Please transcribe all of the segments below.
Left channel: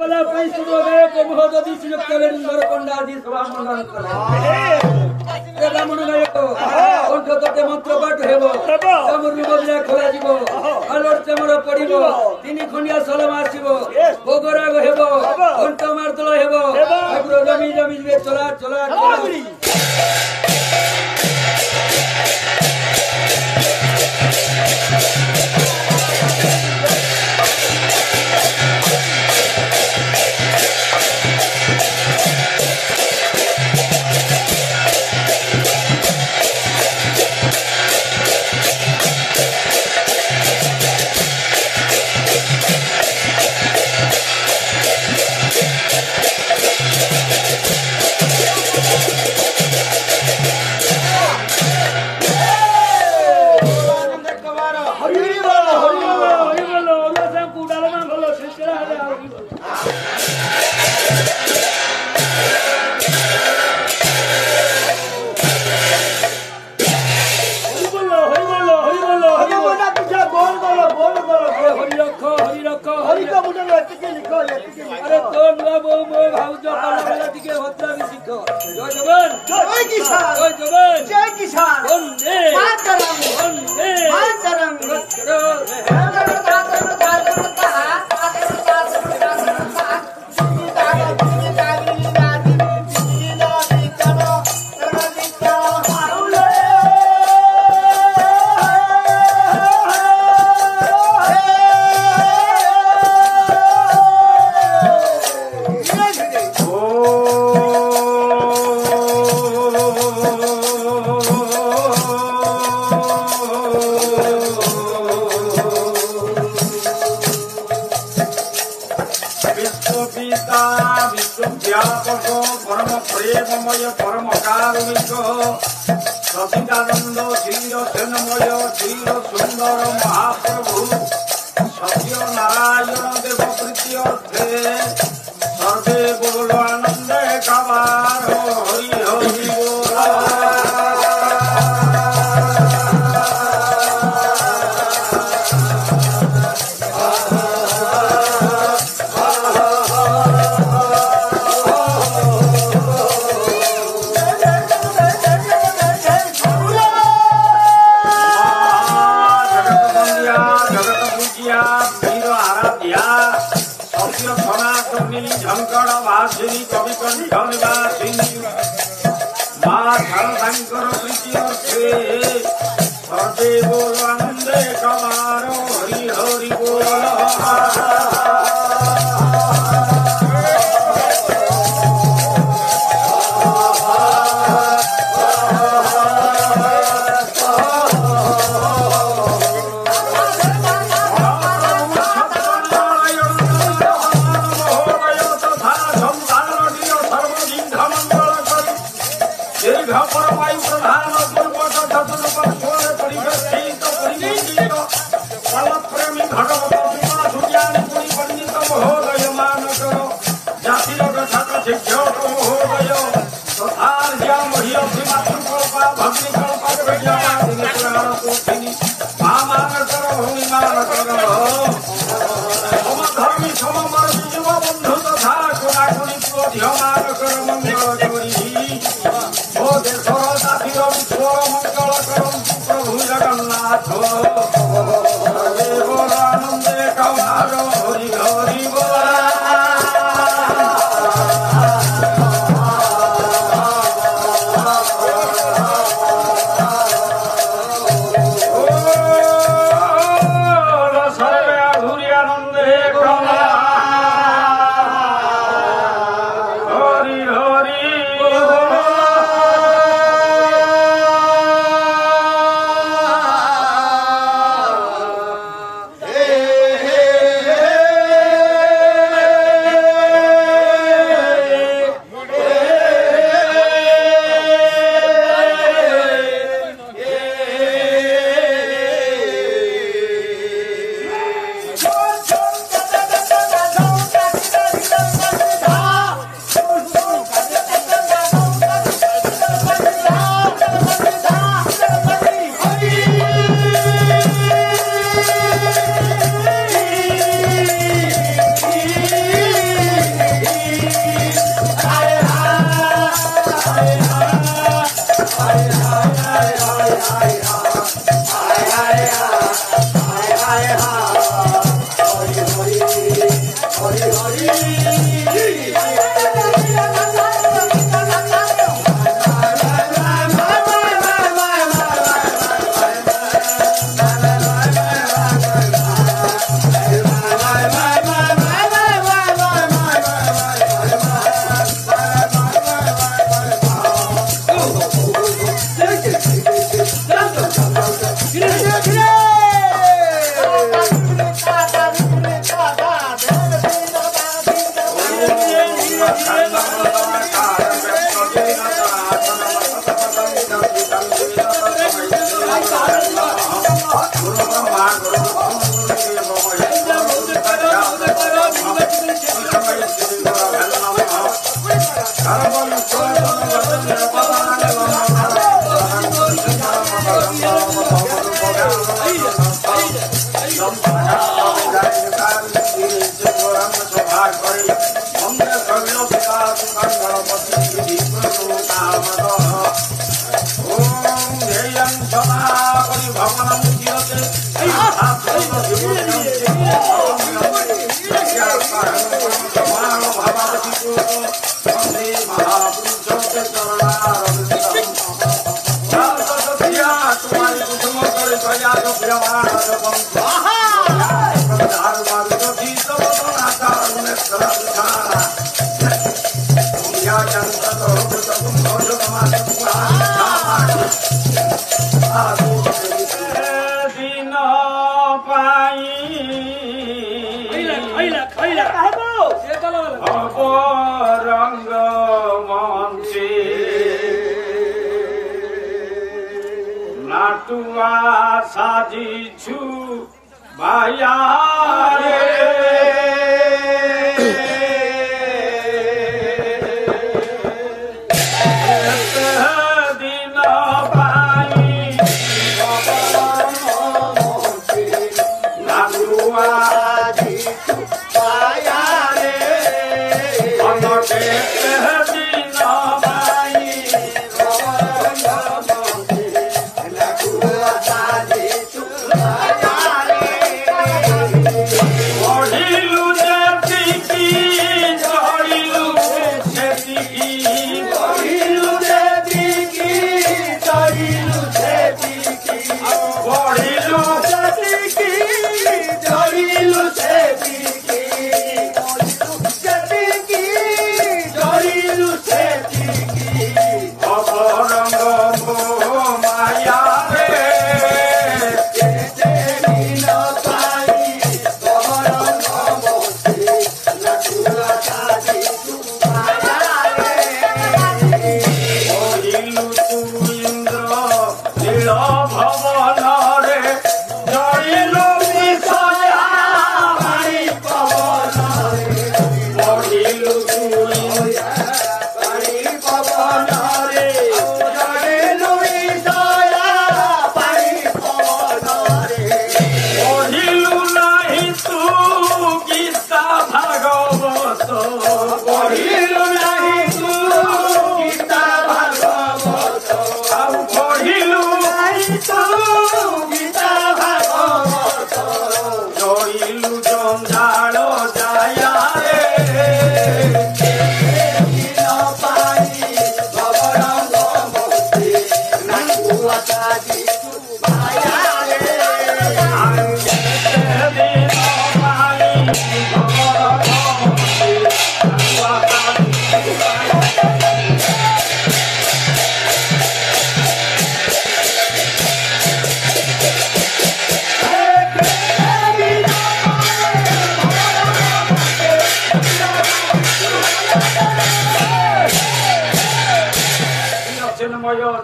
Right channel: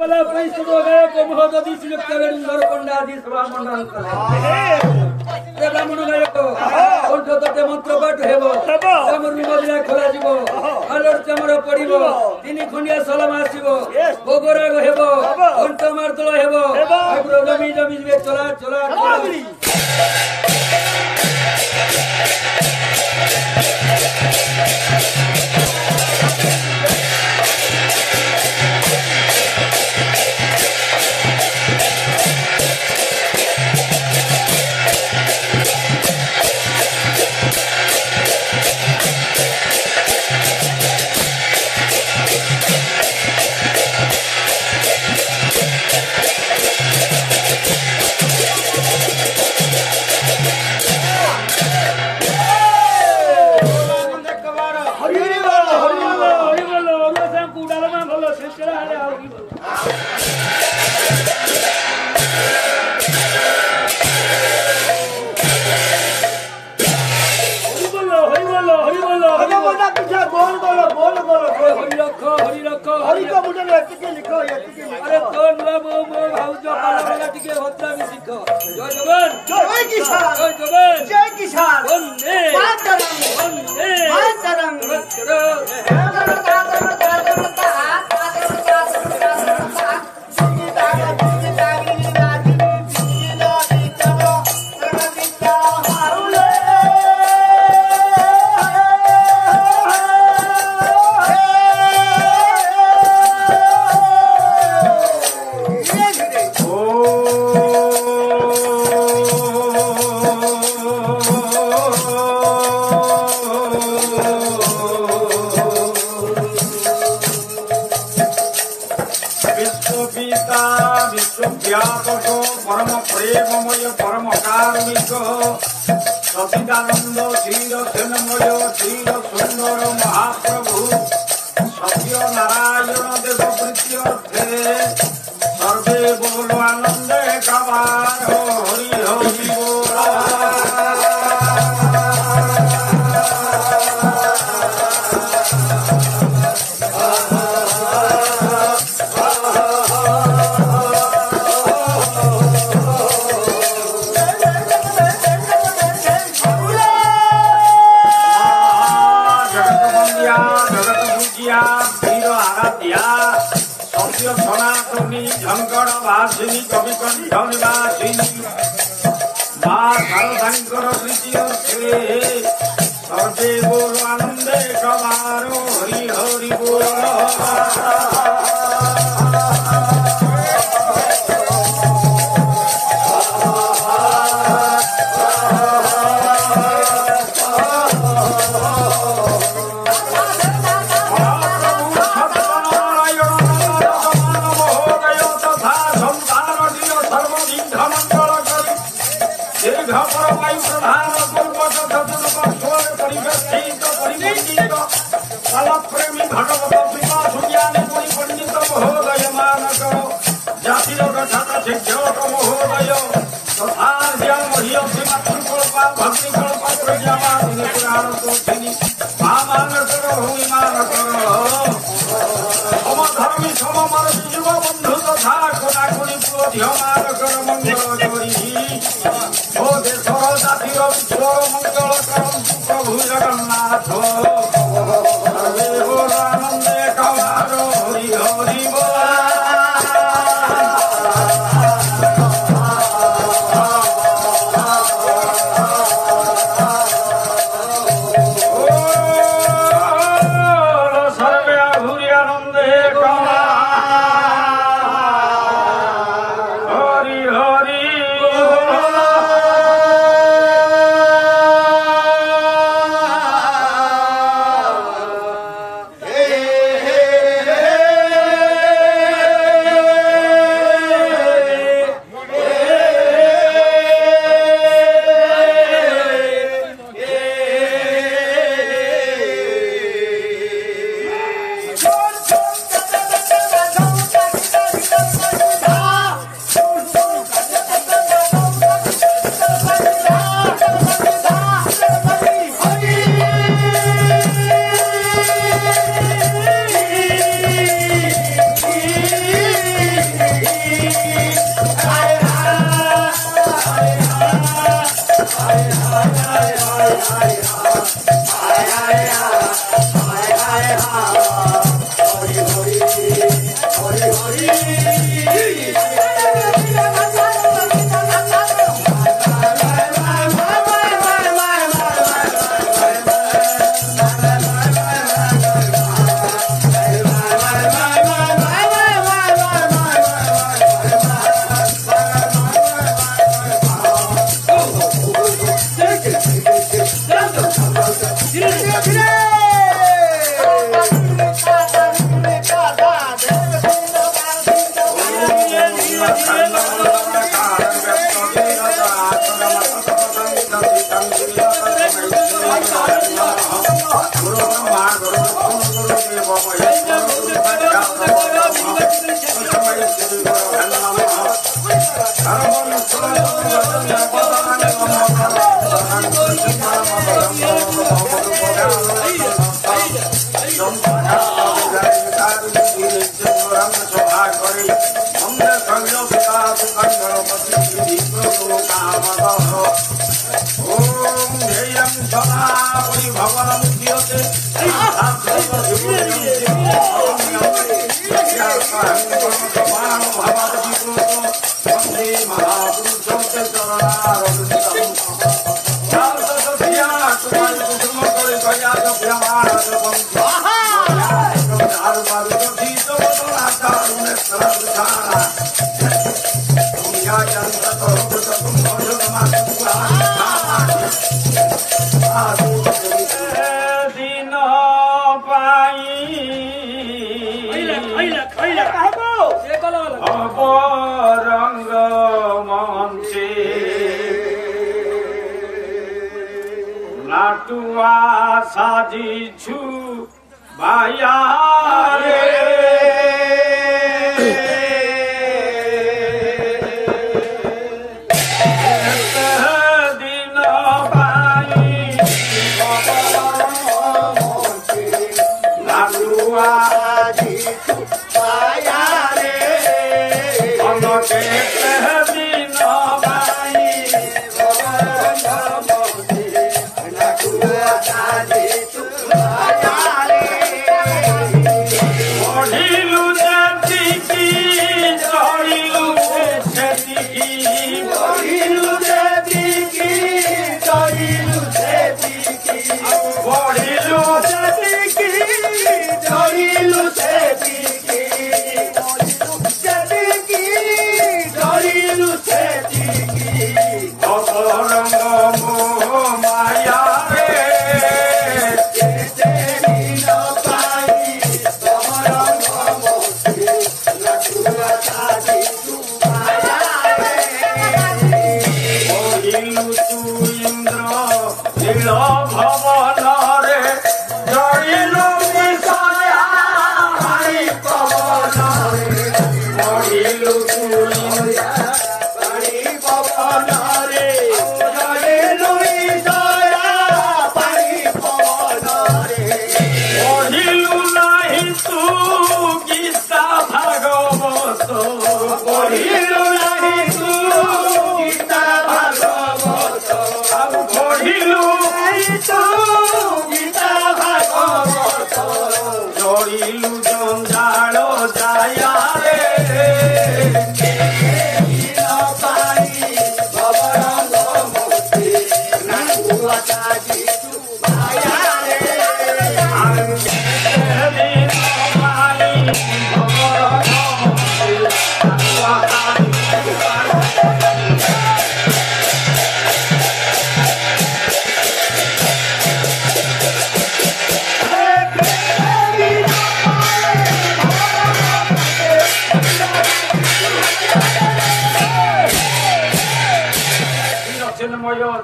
पला पैसा दो गए को महोदय सुजक कवेर इंदर पंडा आदि सभा मंडल करे ते ब्राह्मण गए को कंठ तटे मंत्र पाठ हेबो चमर मदिरा खोला जीवो आलोर चमर पड़िबो तिनि खंडिया सलम आसीबो भोगराग हेबो कंठ मारतल हेबो ठाकुर जमी जमी जिवे चला चला चला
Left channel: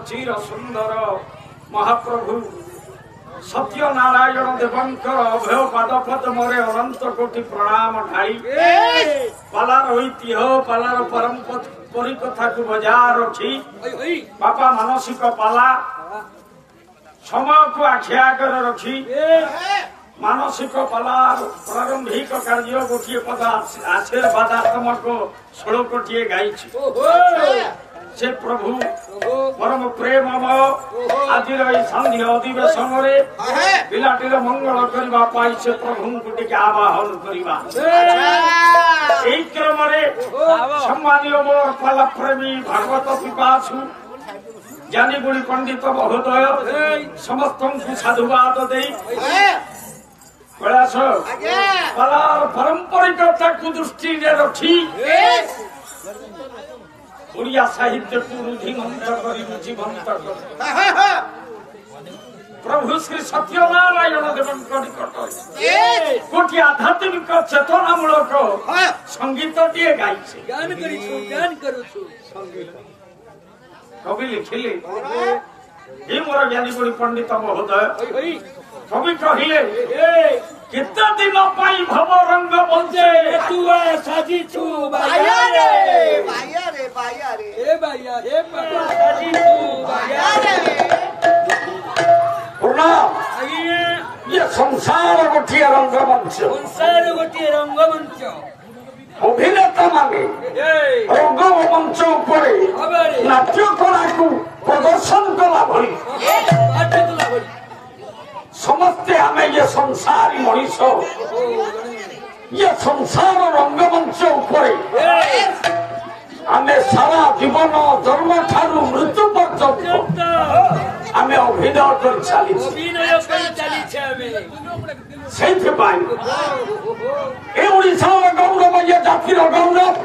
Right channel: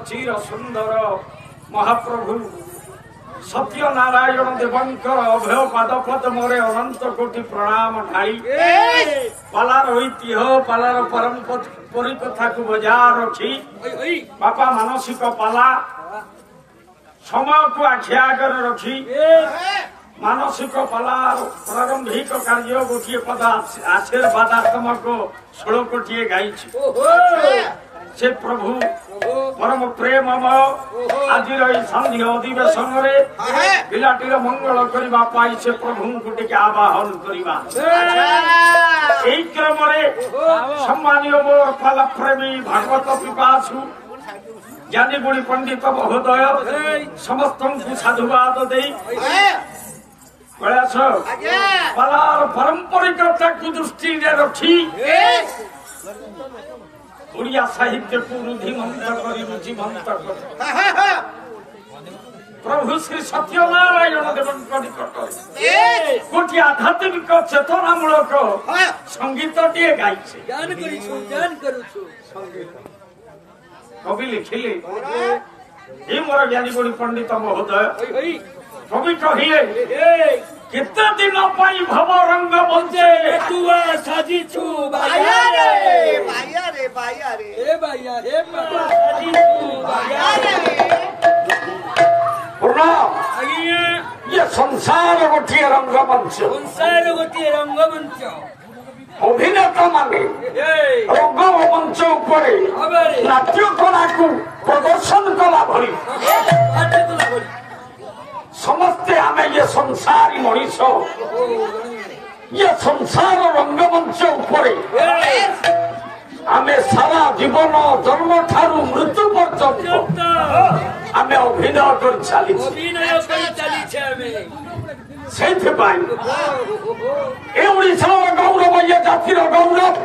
चिर सुंदर महाप्रभु सत्य नारायण देवंकर अभय पाद पद्मरे अनंत कोटि प्रणाम ढाई पालार ऐतिह्य पालार परिकथा को बजाय रखी बापा मानसिक पाला समय को आखि आगे रखी मानसिक पालार प्रारंभिक कार्य गोटे पद आशीर्वादात्मक श्लोकटीए गाई से प्रभु परम प्रेममय आज संधि अधिवेशन पिलाटीर मंगल करने से प्रभु को टे आवाहन करवा क्रम সম্মানীয় মোর পালা প্রেমী ভাগবত পিপাসু জ্ঞানী গুণী পণ্ডিত মহোদয় ସମସ୍ତଙ୍କୁ ସାଧୁବାଦ ଦେଇ ପ୍ରୟାସ ପାଲାର ପାରମ୍ପରିକତାକୁ ଦୃଷ୍ଟିରେ ରଖି ଓଡ଼ିଆ ସାହିତ୍ୟକୁ ରୁଧିମନ୍ତ କରି ରୁଚିମନ୍ତ କରି ପ୍ରଭୁ ଶ୍ରୀ ସତ୍ୟନାରାୟଣ ଦେବଙ୍କ ନିକଟରେ ଗୋଟିଏ ଆଧ୍ୟାତ୍ମିକ ଚେତନାମୂଳକ ସଙ୍ଗୀତଟିଏ ଗାଇছে ଜ୍ଞାନ କରୁଛୁ କବି ଲେଖିଲେ ଏ ମୋର ଜ୍ଞାନୀ ଗୁଣୀ ପଣ୍ଡିତ ମହୋଦୟ କବି କହିଲେ କେତେ ଦିନ ପାଇଁ ଭବ ରଙ୍ଗ ବଞ୍ଚେ ତୁ ସାଜିଛୁ ଇଏ ସଂସାର ଗୋଟିଏ ରଙ୍ଗମଞ୍ଚ ଅଭିନେତା ମାନେ ରଙ୍ଗମଞ୍ଚ ଉପରେ ନାଟ୍ୟ କଳାକୁ ପ୍ରଦର୍ଶନ କଲା ଭଳି ସମସ୍ତେ ଆମେ ଇଏ ସଂସାରୀ ମଣିଷ ଇଏ ସଂସାର ରଙ୍ଗମଞ୍ଚ ଉପରେ ଆମେ ସାରା ଜୀବନ ଜନ୍ମ ଠାରୁ ମୃତ୍ୟୁ ପର୍ଯ୍ୟନ୍ତ ଆମେ ଅଭିନୟ କରି ଚାଲିଛେ ସେଇଥିପାଇଁ ଏ ଓଡ଼ିଶାର ଗୌରବ ଇଏ ଜାତିର ଗୌରବ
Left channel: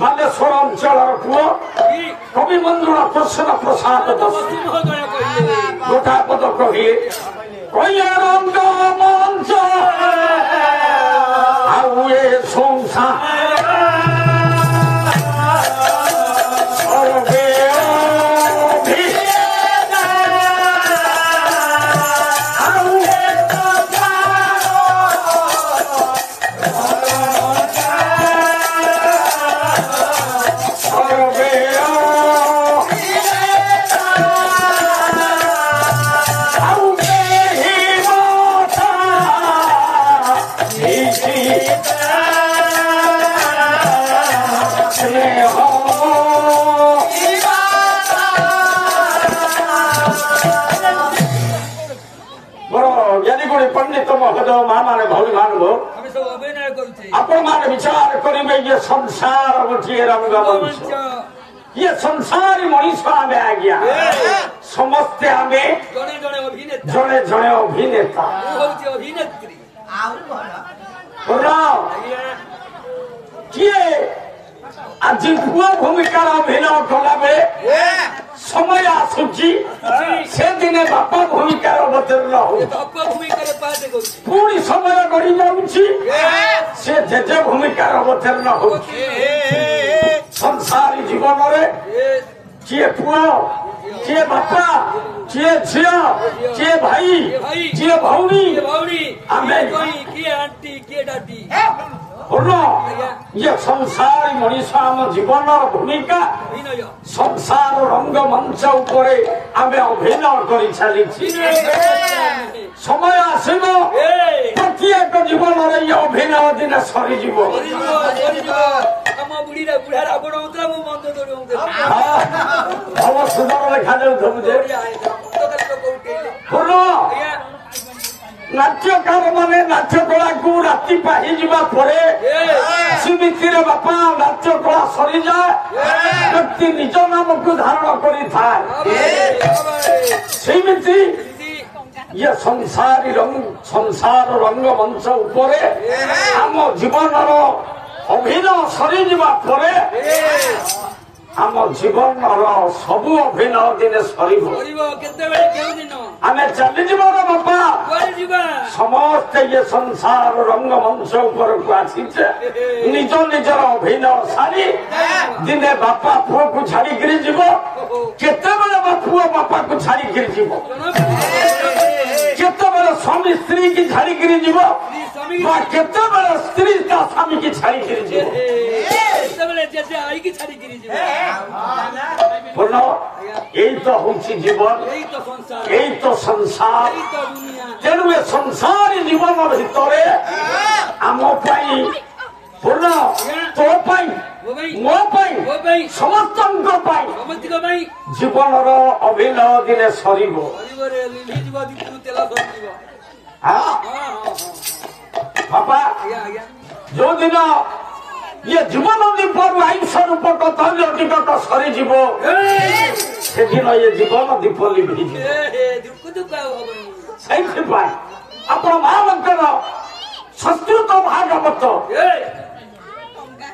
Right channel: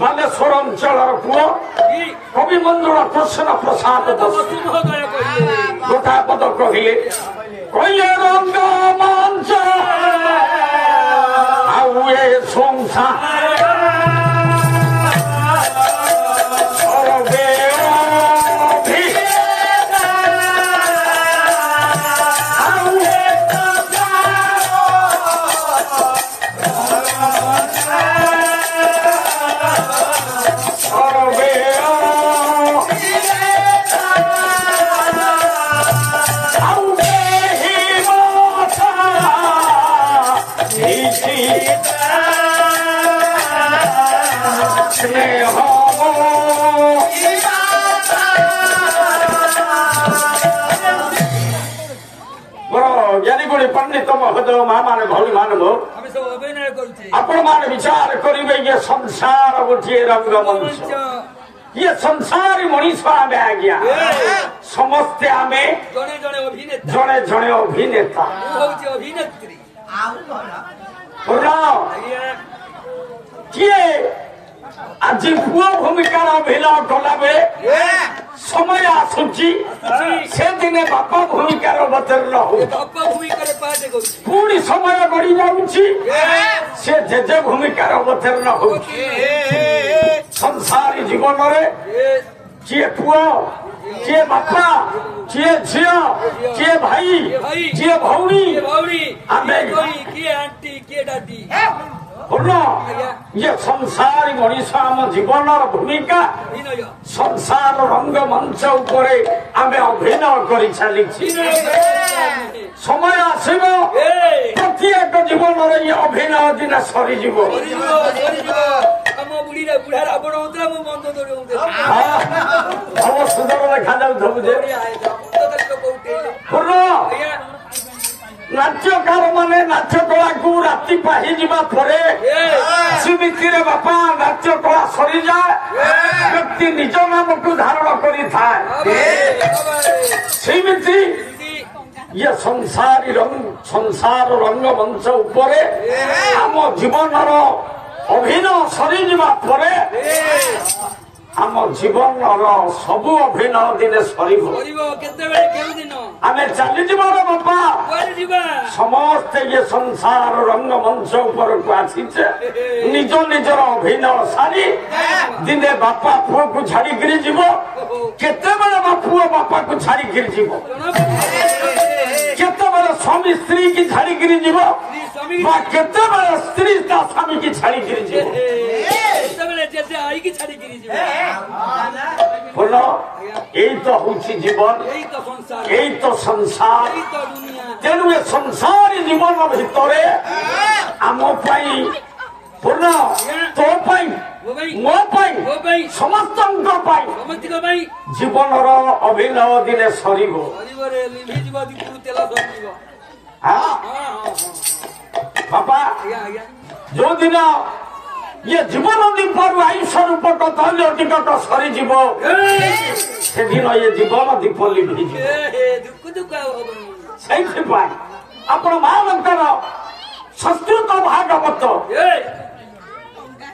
ବାଲେଶ୍ୱର ଅଞ୍ଚଳର ପୁଅ କବି ମଞ୍ଜୁଳା କୃଷ୍ଣ ପ୍ରସାଦ ଗୋଟା ପଦ କହିଲେ ରଙ୍ଗ ମଞ୍ଚ ଆଉ ଏ ସଂସାର ପଣ୍ଡିତ ମହୋଦୟ ମା ମାନେ ଭଉଣୀ ମାନେ ଆପଣ ମାନେ ବିଚାର କରିବେ ଇଏ ସଂସାର ଗୋଟିଏ ରଙ୍ଗମଞ୍ଚ ଇଏ ସଂସାରୀ ମଣିଷ ଆମେ ଆଜ୍ଞା ସମସ୍ତେ ଆମେ ଜଣେ ଜଣେ ଅଭିନେତା କିଏ ଆଜି ପୁଅ ଭୂମିକାର ଅଭିନୟ କଲାବେଳେ ସମୟ ଆସୁଛି ସେଦିନେ ବାପା ଭୂମିକାର ଅବତୀର୍ଣ୍ଣ ପୁଣି ସମୟ ଗଡି ଯାଉଛି ସେ ଜେଜେ ଭୂମିକାର ଅବତୀର୍ଣ୍ଣ ହଉଛି ସଂସାରୀ ଜୀବନରେ କିଏ ପୁଅ କିଏ ବାପା କିଏ ଝିଅ କିଏ ଭାଇ କିଏ ଭଉଣୀ ଆମେ ଇଏ ସଂସାରୀ ମଣିଷ ଆମ ଜୀବନର ଭୂମିକା ସଂସାର ରଙ୍ଗମଞ୍ଚ ଉପରେ ଆମେ ଅଭିନୟ କରି ଚାଲିଛି ସମୟ ଆସିବ ପ୍ରତ୍ୟେକ ଜୀବନରେ ଇଏ ଅଭିନୟ ଦିନେ ସରିଯିବ ଭଲ ସୁନ୍ଦର ଦେଖାଯାଉଥିବୁ ଯେ ନାଟ୍ୟକାର ମାନେ ନାଟ୍ୟ କଳାକୁ ରାତି ପାହିଯିବା ପରେ ସେମିତିରେ ବାପା ନାଟ୍ୟ କଳା ସରିଯାଏ ବ୍ୟକ୍ତି ନିଜ ନାମକୁ ଧାରଣ କରିଥାଏ ସେମିତି ଇଏ ସଂସାର ରଙ୍ଗମଞ୍ଚ ଉପରେ ଆମ ଜୀବନର ଅଭିନୟ ସରିଯିବା ପରେ ଆମ ଜୀବନର ସବୁ ଅଭିନୟ ଦିନେ ସରିବ ଆମେ ଚାଲିଯିବାର ବାପା ସମସ୍ତେ ଇଏ ସଂସାର ରଙ୍ଗମଞ୍ଚ ଉପରକୁ ଆସିଛେ ନିଜ ନିଜର ଅଭିନୟ ସାରି ଦିନେ ବାପା ପୁଅକୁ ଛାଡିକିରି ଯିବ କେତେବେଳେ ବା ପୁଅ ବାପାକୁ ଛାଡିକିରି ଯିବ କେତେବେଳେ ସ୍ୱାମୀ ସ୍ତ୍ରୀ କି ଛାଡିକିରି ଯିବ ବା କେତେବେଳେ ସ୍ତ୍ରୀ ତା ସ୍ୱାମୀ କି ଛାଡିକିରି ଯିବ ଏଇ ତ ହଉଛି ଜୀବନ ଏଇ ତ ସଂସାର ତେଣୁ ଏ ସଂସାରୀ ଜୀବନ ଭିତରେ ଆମ ପାଇଁ ତୋ ପାଇଁ ମୋ ପାଇଁ ସମସ୍ତଙ୍କ ପାଇଁ ଜୀବନର ଅଭିନୟ ଦିନେ ସରିବ ବାପା ଯୋଉଦିନ ये जीवन दीपरू आयुष रूप कर्तव्य टिकट सरीज से दिन ये जीवन दीप से आपण महामंत्र संस्कृत भागवत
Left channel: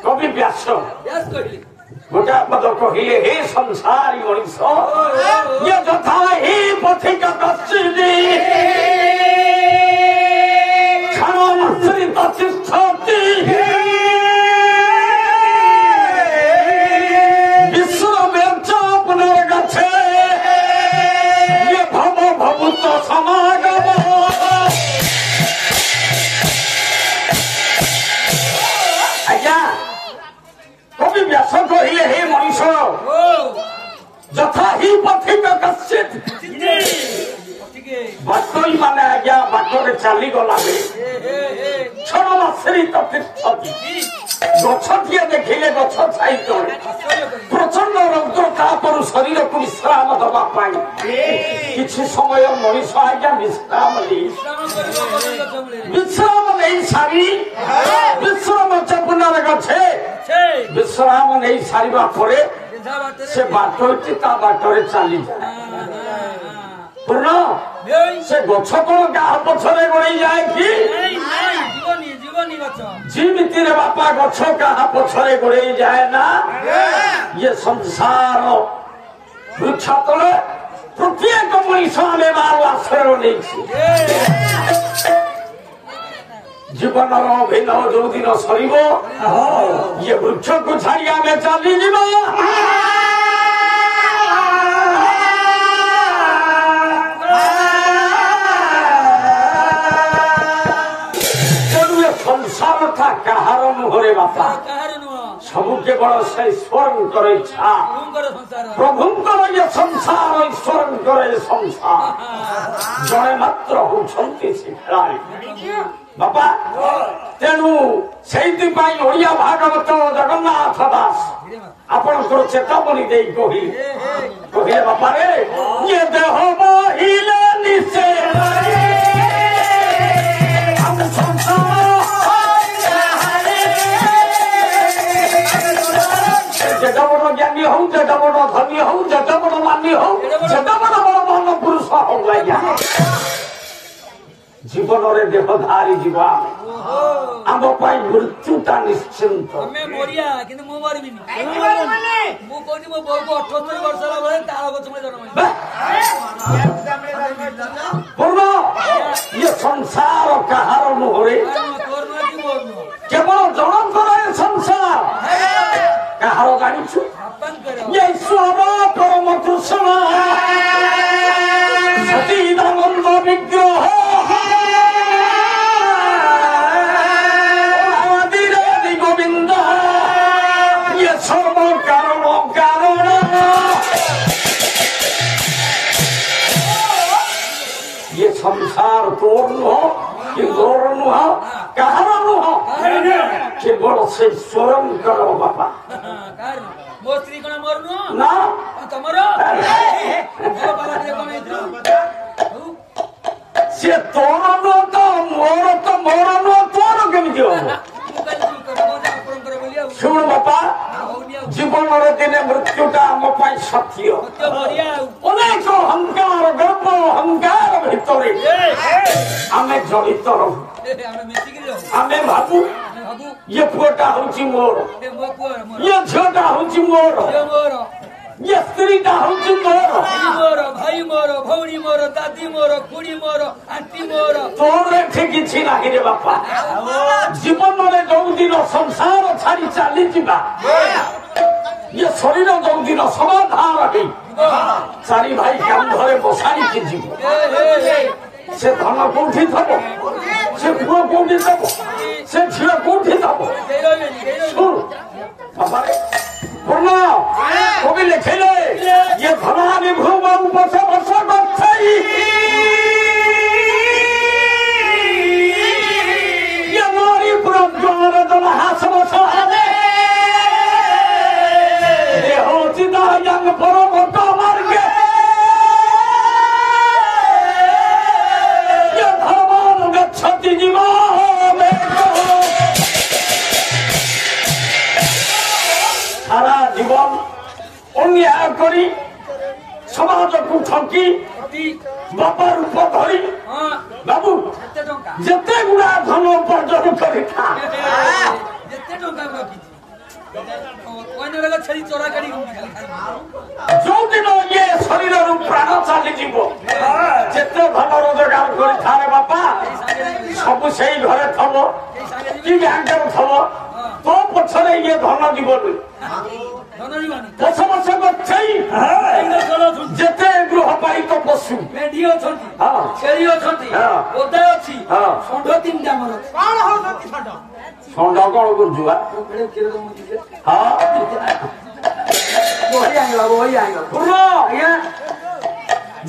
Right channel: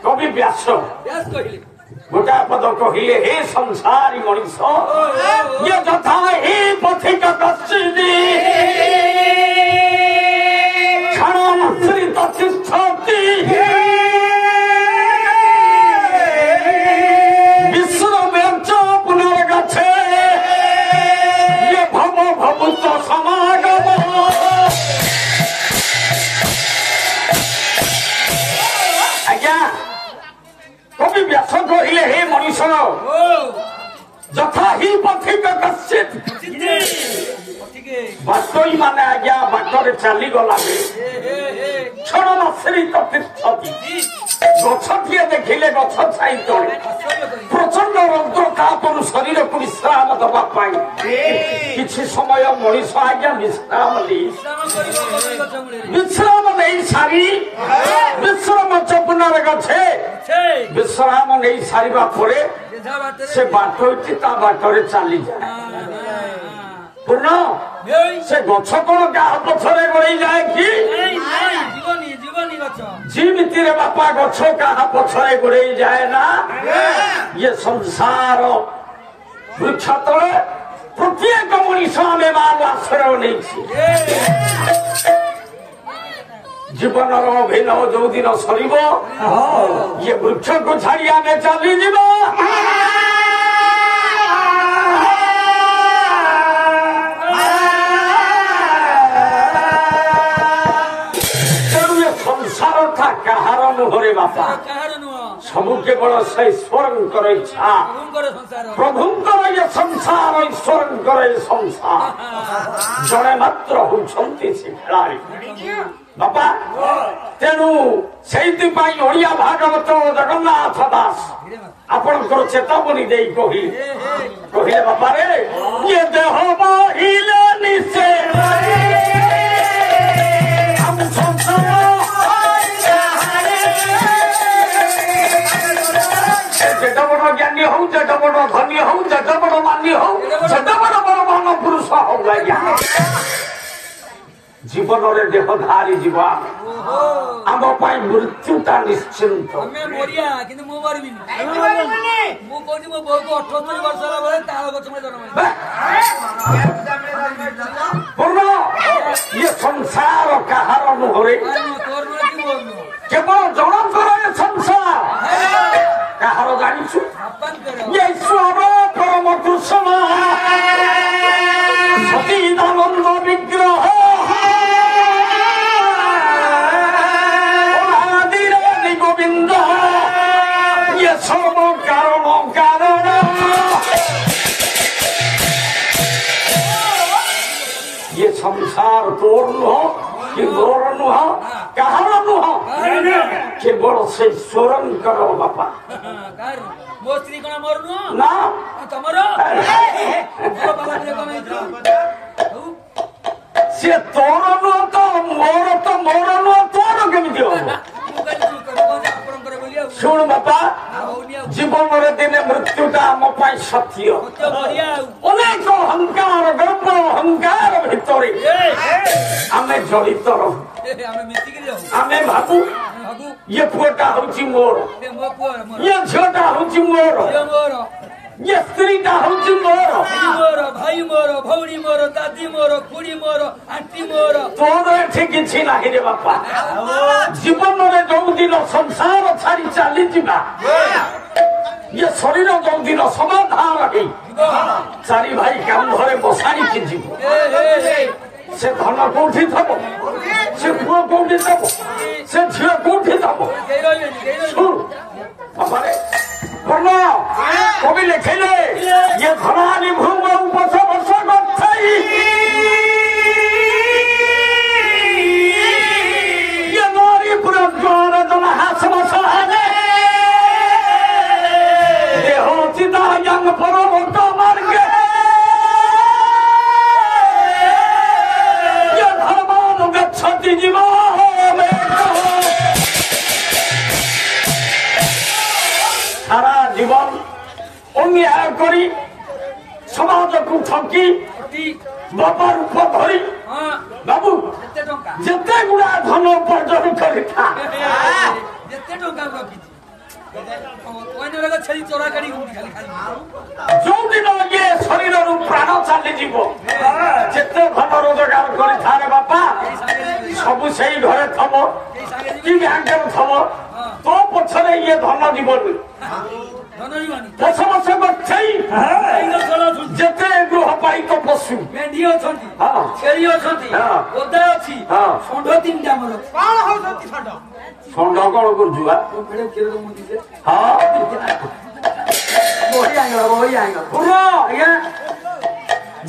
कवि व्यास गोटा पद कहले हे संसारी मनीष ये यथा हे पथिक कश्चिदि क्षणमाश्रित तिष्ठति विश्वमेच पुनर्गच्छे ये भव भवुत समागम आज्ञा कवि व्यास कहले हे मनीष यथा ही पथिक कश्चित् बाटोई माने आज्ञा बाटरे चली गला क्षणमाश्रित तिष्ठति गछटिए देखिले गछ छाई तले प्रचंड रौद्र तापरु शरीर को विश्राम दबा पाई किछि समय मनीष आज्ञा विश्राम नहीं सारी विश्राम चपुनार गछे विश्राम नहीं सारिबा परे से बाटोटी ता बाटरे चली जाए पूर्ण से गछ कौन गाह पछरे गड़ी जाए कि जीविती रे बापा गछ गाह पछरे गड़ी जाए ना ये संसार वृक्ष तले प्रत्येक मनीष आमे मार आश्रय नहीं जीवन अभिनव जो दिन सर ये वृक्ष को छाड़ी आमे चली जीवा संसार था कहार नुहरे बापा सबू केवल से ईश्वर इच्छा प्रभुंकर ये संसार ईश्वर संसार जड़े मात्र होती से खेलाड़ी बापा तेणु से ओडिया भागवत जगन्नाथ दास आपंकर चेतावनी दे कहले बापा रे ये देह बहिले निशे जेटा बड़ ज्ञानी हो जेटा बड़ धनी हो जेटा बड़ मानी हो जेटा बड़ बड़ मन पुरुष हो जीवन में देहधारी जीवा आम मृत्युटा निश्चिंत ये संसार कहार नुहरे केवल जनकर संसार कहार जानी ये ईश्वर परम कृष्ण सतीदानंद विग्रह गोविंद ये सर्व कारण कारण ये संसार तोर नुह कि गोर नुह कहार नुह केवल से स्वरं करो बापा मो स्त्री कण मोर नुह ना तमर से तोर नुह तो मोर नुह तोर केमती हो शुण बापा जीवन दिने मृत्युटा आम सत्य अनेक अहंकार गर्व अहंकार भितर आम जड़ित आम भाबू ये पुआटा हूँ मोर ये झीटा हूँ मोर ये स्त्रीटा हूँ मोर भाई मोर भौणी मोर दादी मोर खुड़ी मोर आंटी मोर तोर एठी किछि नाही रे बापा जीवन में जो दिन संसार छाड़ी चली जीवा ये शरीर जो दिन समाधान रही चारि भाई कांधरे बसाई की जीव से धन कौटी थब से पुओ कौटी थब से झील कौटी थब बाबा पूर्ण कवि लिखिले ये धनानि भूम उपस वर्ष गच्छाई ये नारी पुरज्वार जन हास बसाने देहो चिदायं परमत मार्गे ये धर्मान गच्छति जीवा କରି ସମାଜକୁ ଠକି ବାପା ରୂପ ଧରି ବାବୁ ଯେତେ ଗୁଡା ଧନ ଉପାର୍ଜନ କରିଥା ଯୋଉଦିନ ଇଏ ଶରୀରରୁ ପ୍ରାଣ ଚାଲିଯିବ ଯେତେ ଧନ ରୋଜଗାର କରିଥାଏ ବାପା ସବୁ ସେଇ ଘରେ ଥବ କି ବ୍ୟାଙ୍କରେ ଥବ ତୋ ପଛରେ ଇଏ ଧନ ଯିବନି ଦଶ ବର୍ଷ ଗଛେଇ ଯେତେ ଗୃହପାଳିତ ପଶୁ ମେଣ୍ଢି ଅଛନ୍ତି ଛେଳି ଅଛନ୍ତି ଓଦା ଅଛି ଷଣ୍ଢ ତିନିଟା ଆମର କଣ ହଉଛନ୍ତି ଷଣ୍ଢ ଷଣ୍ଢ କଣ କରୁଛୁ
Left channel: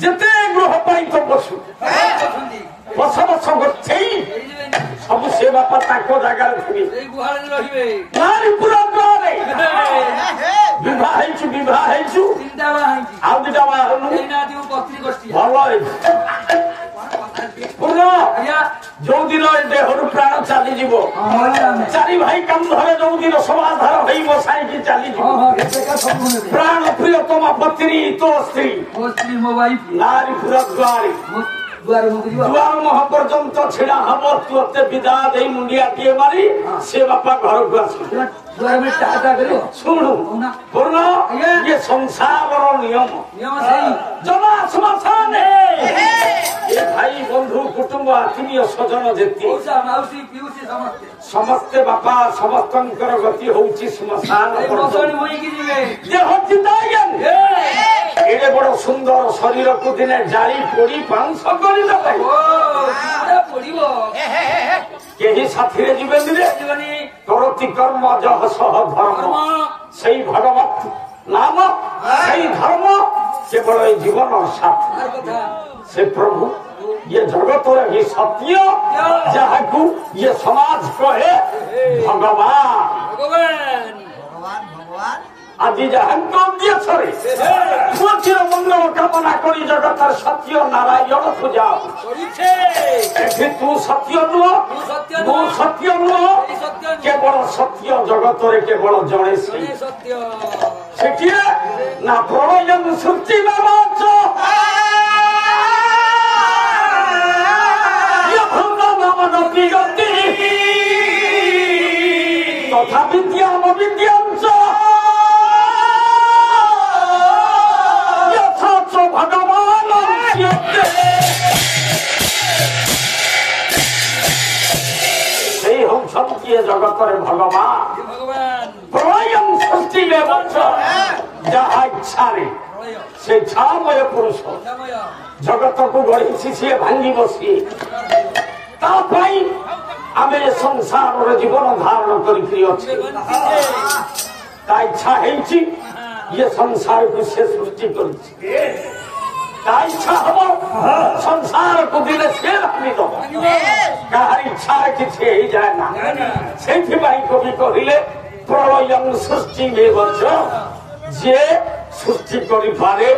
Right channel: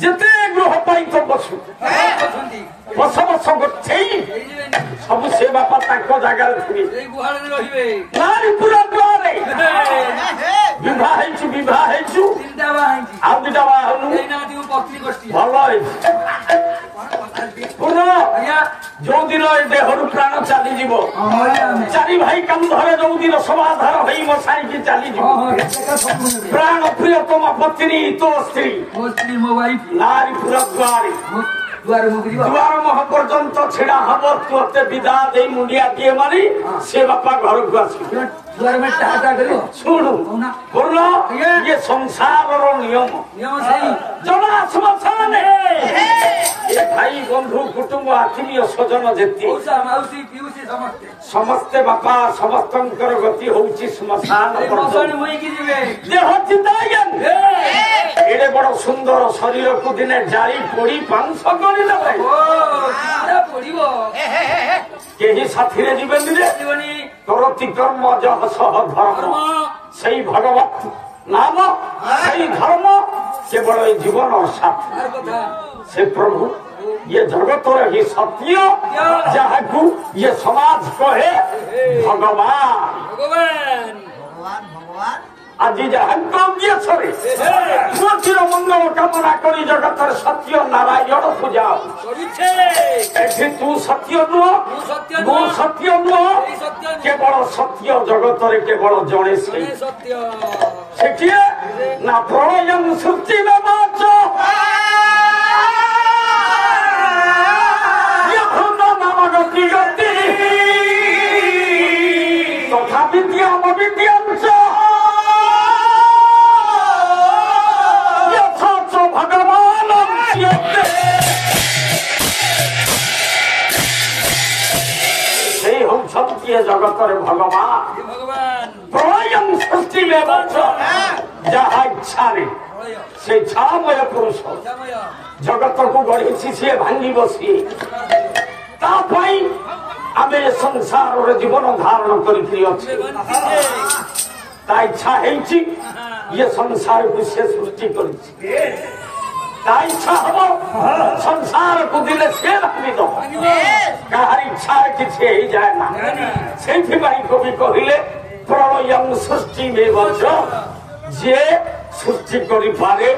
ଯେତେ ଗୃହପାଳିତ ପଶୁ ବର୍ଷ ବର୍ଷ ଗଛେଇ ସବୁ ସେ ବାପା ତାଙ୍କ ଜାଗାରେ ଥିବେ ନାରୀ ପୁରା ଗ୍ରହରେ ବିବାହ ହେଇଛୁ ଆଉ ଦିଟା ବାହା ହଉନୁ ଭଲ ହେଇଛି ଯୋଉଦିନ ଏ ଦେହରୁ ପ୍ରାଣ ଚାଲିଯିବ ଚାରି ଭାଇ କାନ୍ଧରେ ଯୋଉଦିନ ସମାଧାନ ହେଇ ବସାଇକି ଚାଲିଯିବ ପ୍ରାଣ ପ୍ରିୟତମ ପତ୍ନୀ ତୋ ସ୍ତ୍ରୀ ନାରୀ ପୁରା ଦୁଆର ମୁହ ପର୍ଯ୍ୟନ୍ତ ଛିଡା ହବ ତୋତେ ବିଦା ଦେଇ ମୁଣ୍ଡିଆଟିଏ ମାରି ସେ ବାପା ଘରକୁ ଆସିବ ଶୁଣୁ ପୂର୍ଣ୍ଣ ଇଏ ସଂସାରର ନିୟମ ଜମା ଶ୍ମଶାନେ ଏ ଭାଇ ବନ୍ଧୁ କୁଟୁମ୍ବ ଆତ୍ମୀୟ ସ୍ୱଜନ ଯେତେ ସମସ୍ତେ ବାପା ସମସ୍ତଙ୍କର ଗତି ହଉଛି ଶ୍ମଶାନ ଦେହ ଚିତାଜ୍ଞାନ ଏଡେ ବଡ ସୁନ୍ଦର ଶରୀରକୁ ଦିନେ ଜାରି ପୋଡି ପାଉଁଶ କରିଦେବେ କେହି ସାଥିରେ ଯିବେନି ରେ କରତି କର୍ମ ଯହ ସହ ଧର୍ମ ସେଇ ଭଗବତ ନାମ ସେଇ ଧର୍ମ କେବଳ ଏ ଜୀବନର ସାଥୀ ସେ ପ୍ରଭୁ ये जगतर ही सत्य जहां ये समाज कहे भगवान आज जहां मोचीर मंगल कामना करी जगतर सत्य नारायण पूजा तू सत्य नुह तू सत्य नुह केवल सत्य जगतर केवल जड़े से ना प्रलयम सृष्टि तथा विद्याम विद्यांश यथाच भगवान से होती जगतर भगवान प्रलयम सृष्टि जहाँ इच्छा से छामय पुरुष जगत को गढ़ी सी भांगी बसी आम संसार जीवन धारण कर इच्छा ये संसार को से सृष्टि कर इच्छा हम संसार को दिले से भांगी दो क्या इच्छा किसी ही जाए ना से कवि कहले प्रलयम सृष्टि जे सृष्टि करे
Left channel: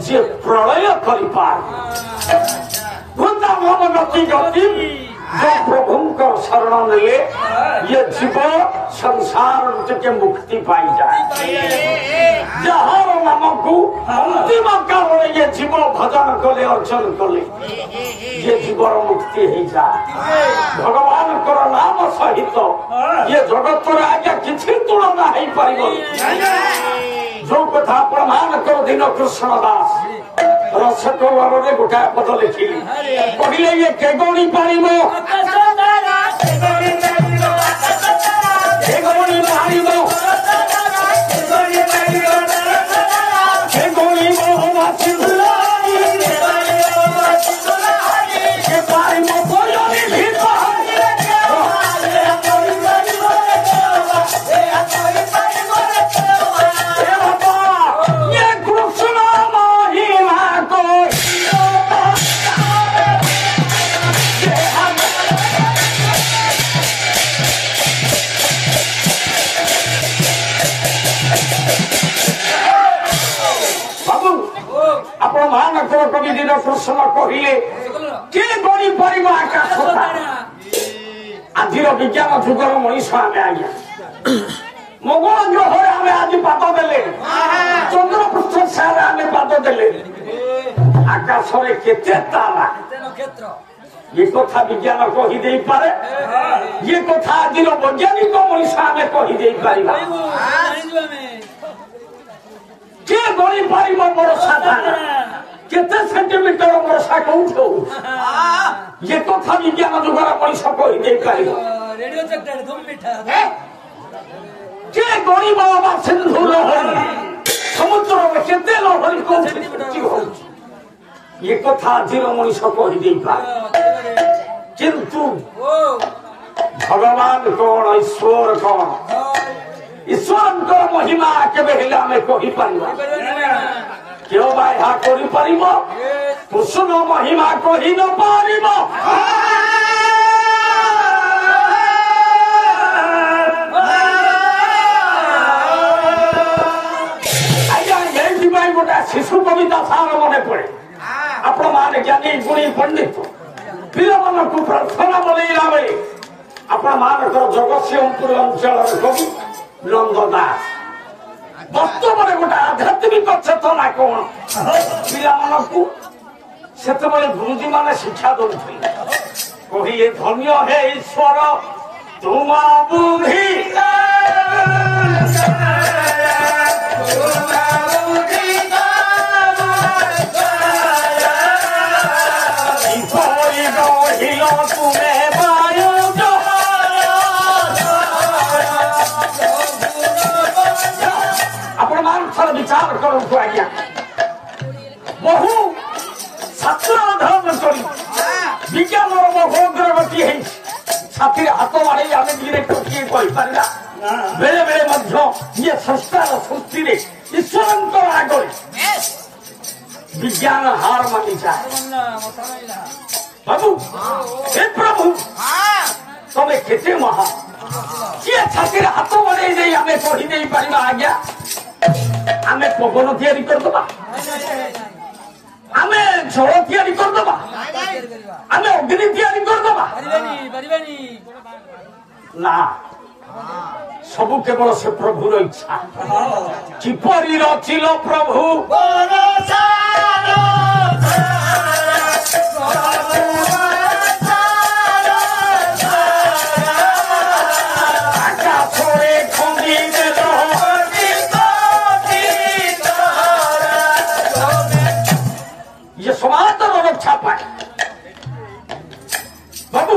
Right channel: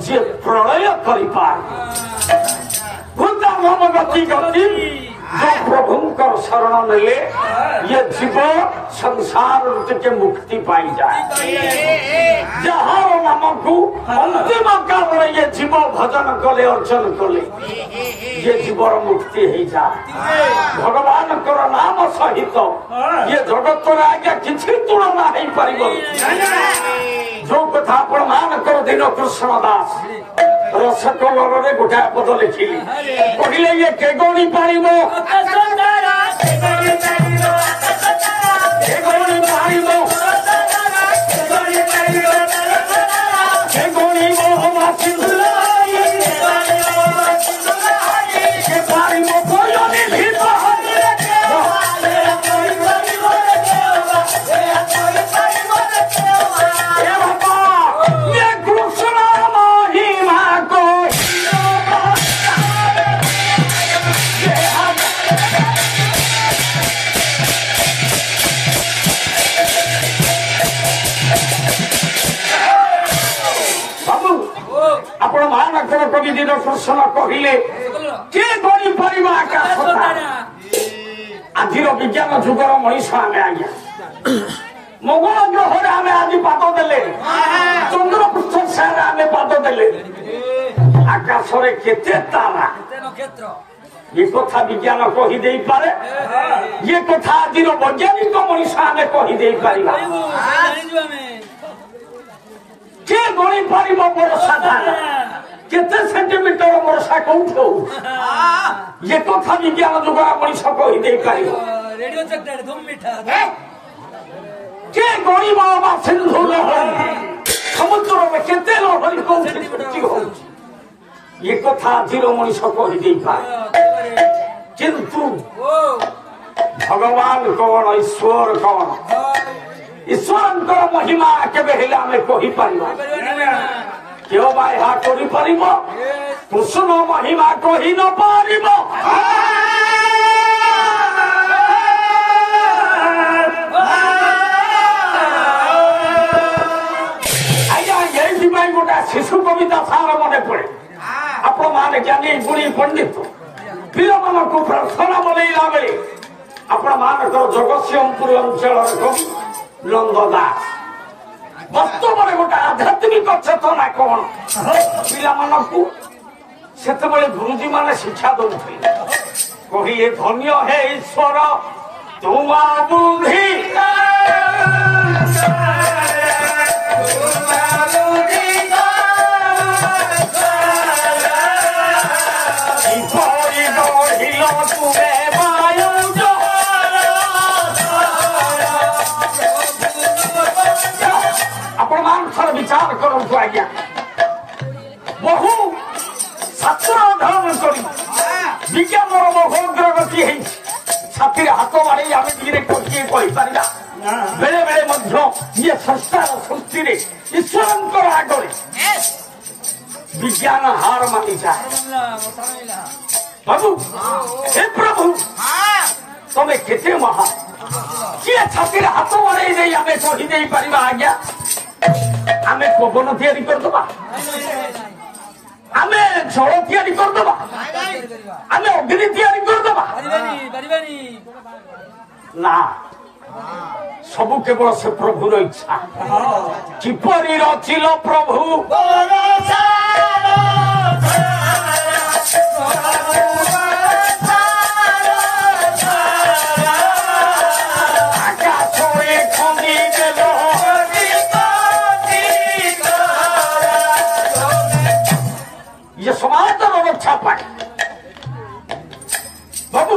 जे प्रलय करे वृंदावन गति गति जो प्रभुंकर शरण नेले ये जीव संसार के मुक्ति पाई जाए जहाँ नामक अंतिम काल ये जीव भजन करे अर्चन कले ये जीवर मुक्ति हो जाए भगवान को नाम सहित ये जगत आज्ञा किसी तुलना हो पार जो कथा प्रमाण कर दिन कृष्ण दास रस कौर गोटाए पद लिखिली कहले ये केगोणी पाणी मो कवि दिन कृष्ण कहले के गढ़ी पार आकाश आज विज्ञान जुगर मनीष आम आज्ञा ମଙ୍ଗଳ ଗ୍ରହରେ ଆମେ ଆଜି ପାଦ ଦେଲେ, ଚନ୍ଦ୍ରପୃଷ୍ଠ ସାରେ ଆମେ ପାଦ ଦେଲେ, ଆକାଶରେ କେତେ ତାରା, ନକ୍ଷତ୍ର ଏ କଥା ବିଜ୍ଞାନ କହିଦେଇପାରେ, ଏ କଥା ଆଜିର ବୈଜ୍ଞାନିକ ମଣିଷ ଆମେ କହିଦେଇପାରିବା। କିଏ ଗଣିପାରିବ ବର୍ଷା ଧାରା କେତେ ସେଣ୍ଟିମିଟର ବର୍ଷା କୋଉଠି ହଉ, ଏ କଥା ବିଜ୍ଞାନ ଯୁଗର ମଣିଷ କହିଦେଇପାରିବ। ରେଡିଓ ଚେକ୍ଟାରେ ଧୁମ ମିଠା କିଏ ଗଣିବ ବା ସିନ୍ଧୁ ଲହରୀ ସମୁଦ୍ରରେ କେତେ ଲହରୀ କୋଉଠି ସୃଷ୍ଟି ହଉଛି, ଏ କଥା ଆଜିର ମଣିଷ କହିଦେଇପାରେ। କିନ୍ତୁ ଭଗବାନ କଣ, ଈଶ୍ୱର କଣ, ଈଶ୍ୱରଙ୍କର ମହିମା କେବେ ହେଲେ ଆମେ କହିପାରିବା? କେଉ ବା ଏହା କରିପାରିବ? କୃଷ୍ଣ ମହିମା କହି ନ ପାରିବ। ଆଜ୍ଞା ଏଇଥିପାଇଁ ଗୋଟେ ଶିଶୁ କବିତା ସାର ମନେ ପଡେ। ଆପଣ ମାନେ ଜ୍ଞାନୀ ଗୁଣୀ ପଣ୍ଡିତ ପିଲାମାନଙ୍କୁ ପ୍ରାର୍ଥନା ମନେଇଲା ବେଳେ ଆପଣ ମାନଙ୍କର ଜଗତସିଂହପୁର ଅଞ୍ଚଳର କବି ନନ୍ଦ ଦାସ ବାସ୍ତବରେ ଗୋଟେ ଆଧ୍ୟାତ୍ମିକ ଚେତନା କଣ ପିଲାମାନଙ୍କୁ ସେତେବେଳେ ଗୁରୁଜୀ ମାନେ ଶିକ୍ଷା ଦଉଥିଲେ। କହିଲେ ଧନ୍ୟ ହେ ଈଶ୍ୱର ତୁମ ବୁଦ୍ଧି ଆପଣ ମାନଙ୍କର ବିଚାର କରନ୍ତୁ ଆଜ୍ଞା। ବହୁ ଛାତ୍ର ଅଧ୍ୟୟନ କରି ବିଜ୍ଞାନର ବହୁ ଅଗ୍ରଗତି ହେଇଛି। ଛାତିରେ ହାତ ମାରି ଆମେ ଡିରେକ୍ଟର କିଏ କହିପାରିବା? ବେଳେ ବେଳେ ମଧ୍ୟ ଇଏ ସଂସ୍କାର ସୃଷ୍ଟିରେ ଈଶ୍ୱରଙ୍କର ଆଗରେ ବିଜ୍ଞାନ ହାର ମାନିଯାଏ। ପ୍ରଭୁ ହେ ପ୍ରଭୁ ତମେ କେତେ ମହା, କିଏ ଛାତିରେ ହାତ ମନେଇ ଦେଇ ଆମେ କହିଦେଇ ପାରିବା ଆଜ୍ଞା ଆମେ ପବନ ତିଆରି କରିଦବା, ଆମେ ଜଳ ତିଆରି କରିଦବା, ଆମେ ଅଗ୍ନି ତିଆରି କରିଦବା? ନା, ସବୁ କେବଳ ସେ ପ୍ରଭୁର ଇଚ୍ଛା। କିପରି ରଚିଲ ପ୍ରଭୁ ସମାଜର ରକ୍ଷା ପାଏ ବାବୁ,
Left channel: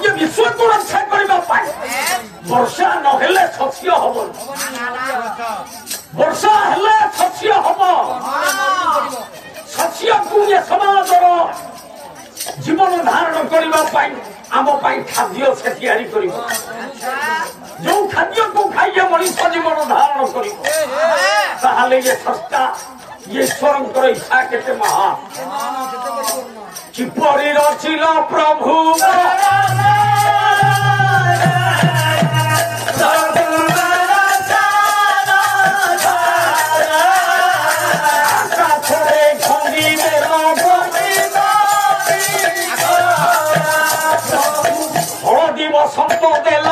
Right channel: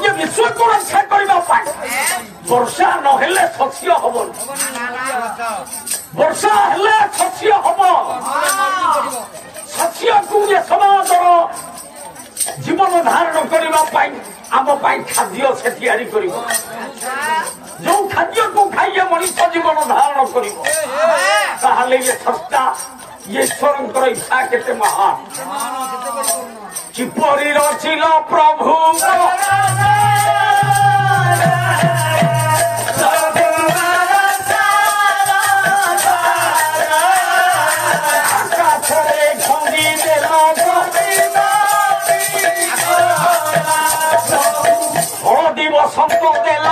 ଇଏ ବିଶ୍ୱକୁ ରକ୍ଷା କରିବା ପାଇଁ ବର୍ଷା ନହେଲେ ଶସ୍ୟ ହବନି, ବର୍ଷା ହେଲେ ଶସ୍ୟ ହବ। ଶସ୍ୟକୁ ଏ ସମାଜର ଜୀବନ ଧାରଣ କରିବା ପାଇଁ ଆମ ପାଇଁ ଖାଦ୍ୟ ସେ ତିଆରି କରିବ। ଯୋଉ ଖାଦ୍ୟକୁ ଖାଇଏ ମଣିଷ ଜୀବନ ଧାରଣ କରିବ, ତାହେଲେ ଇଏ ସଂସ୍ଥା ଈଶ୍ୱରଙ୍କର ଇଚ୍ଛା କେତେ ମହାନ। କିପରି ରଚିଲ ପ୍ରଭୁ ଆକାଶରେ ଖଣ୍ଡି ହଳଦୀ ବସନ୍ତ ଦେଲ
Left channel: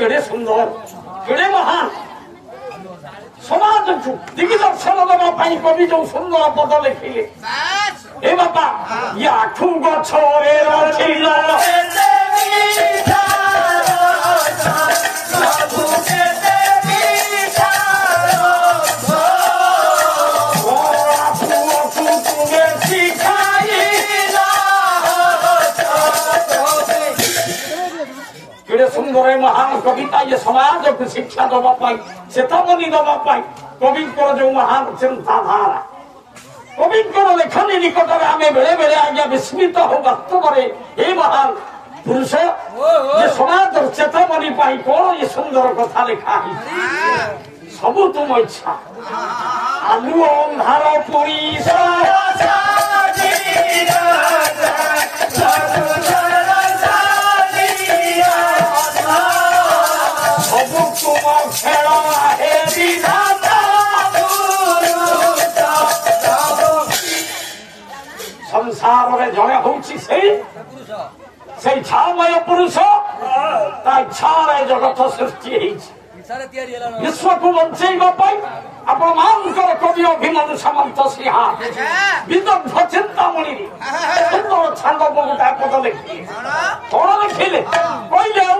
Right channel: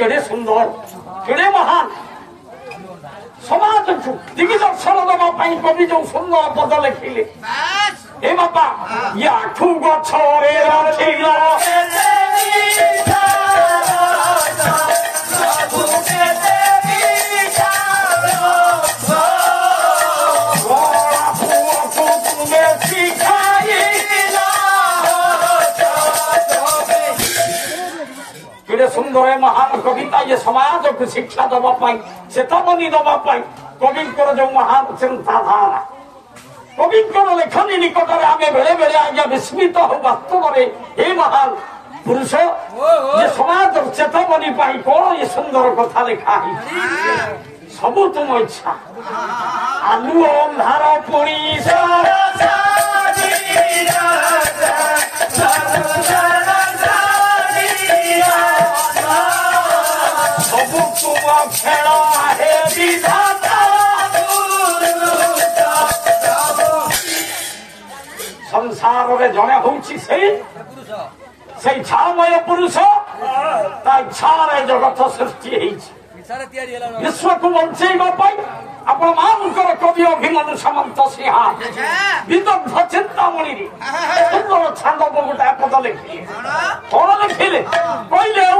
କେଡ଼େ ସୁନ୍ଦର, କେଡ଼େ ମହାନ। ସମାଜକୁ ଦିଗଦର୍ଶନ ଦେବା ପାଇଁ କବି ଯୋଉ ସୁନ୍ଦର ପଦ ଲେଖିଲେ, ଏ ବାପା ଇଏ ଆଠୁ ଗଛରେ ରଖିଲ କେଡ଼େ ସୁନ୍ଦର ମହାନ କବିତା। ଇଏ ସମାଜକୁ ଶିକ୍ଷା ଦେବା ପାଇଁ, ଚେତାବନୀ ଦେବା ପାଇଁ କବିଙ୍କର ଯୋଉ ମହାନ ଚିନ୍ତାଧାରା, କବିଙ୍କର ଲେଖନୀ ନିକଟରେ ଆମେ ବେଳେ ବେଳେ ଆଜ୍ଞା ବିସ୍ମିତ ହଉ। ବାସ୍ତବରେ ଏ ମହାନ ପୁରୁଷ ଏ ସମାଜର ଚେତାବନୀ ପାଇଁ କଣ ଏ ସୁନ୍ଦର କଥା ଲେଖା ହେଇଛି। ସବୁ ତୁମ ଇଚ୍ଛା, ଆଲୁଅ ଅନ୍ଧାର ପୋଡ଼ିଶ କୁକୁମ ଖେଳ ହେ ବିଧାତା ସଂସାରରେ ଜଣେ ହଉଛି ସେଇ ଛାମୟ ପୁରୁଷ ତା ଇଚ୍ଛାରେ ଜଗତ ସୃଷ୍ଟି ହେଇଛି ବିଶ୍ୱକୁ ବଞ୍ଚେଇବା ପାଇଁ ଆପଣମାନଙ୍କର କବି ଅଭିମନ୍ୟୁ ସାମନ୍ତ ସିଂହା ବିଦଗ୍ଧ ଚିନ୍ତାମଣିରେ ସୁନ୍ଦର ଛାନ୍ଦ ଗୋଟା ପଦ ଲେଖିଲେ କଣ ଲେଖିଲେ କହିଲେ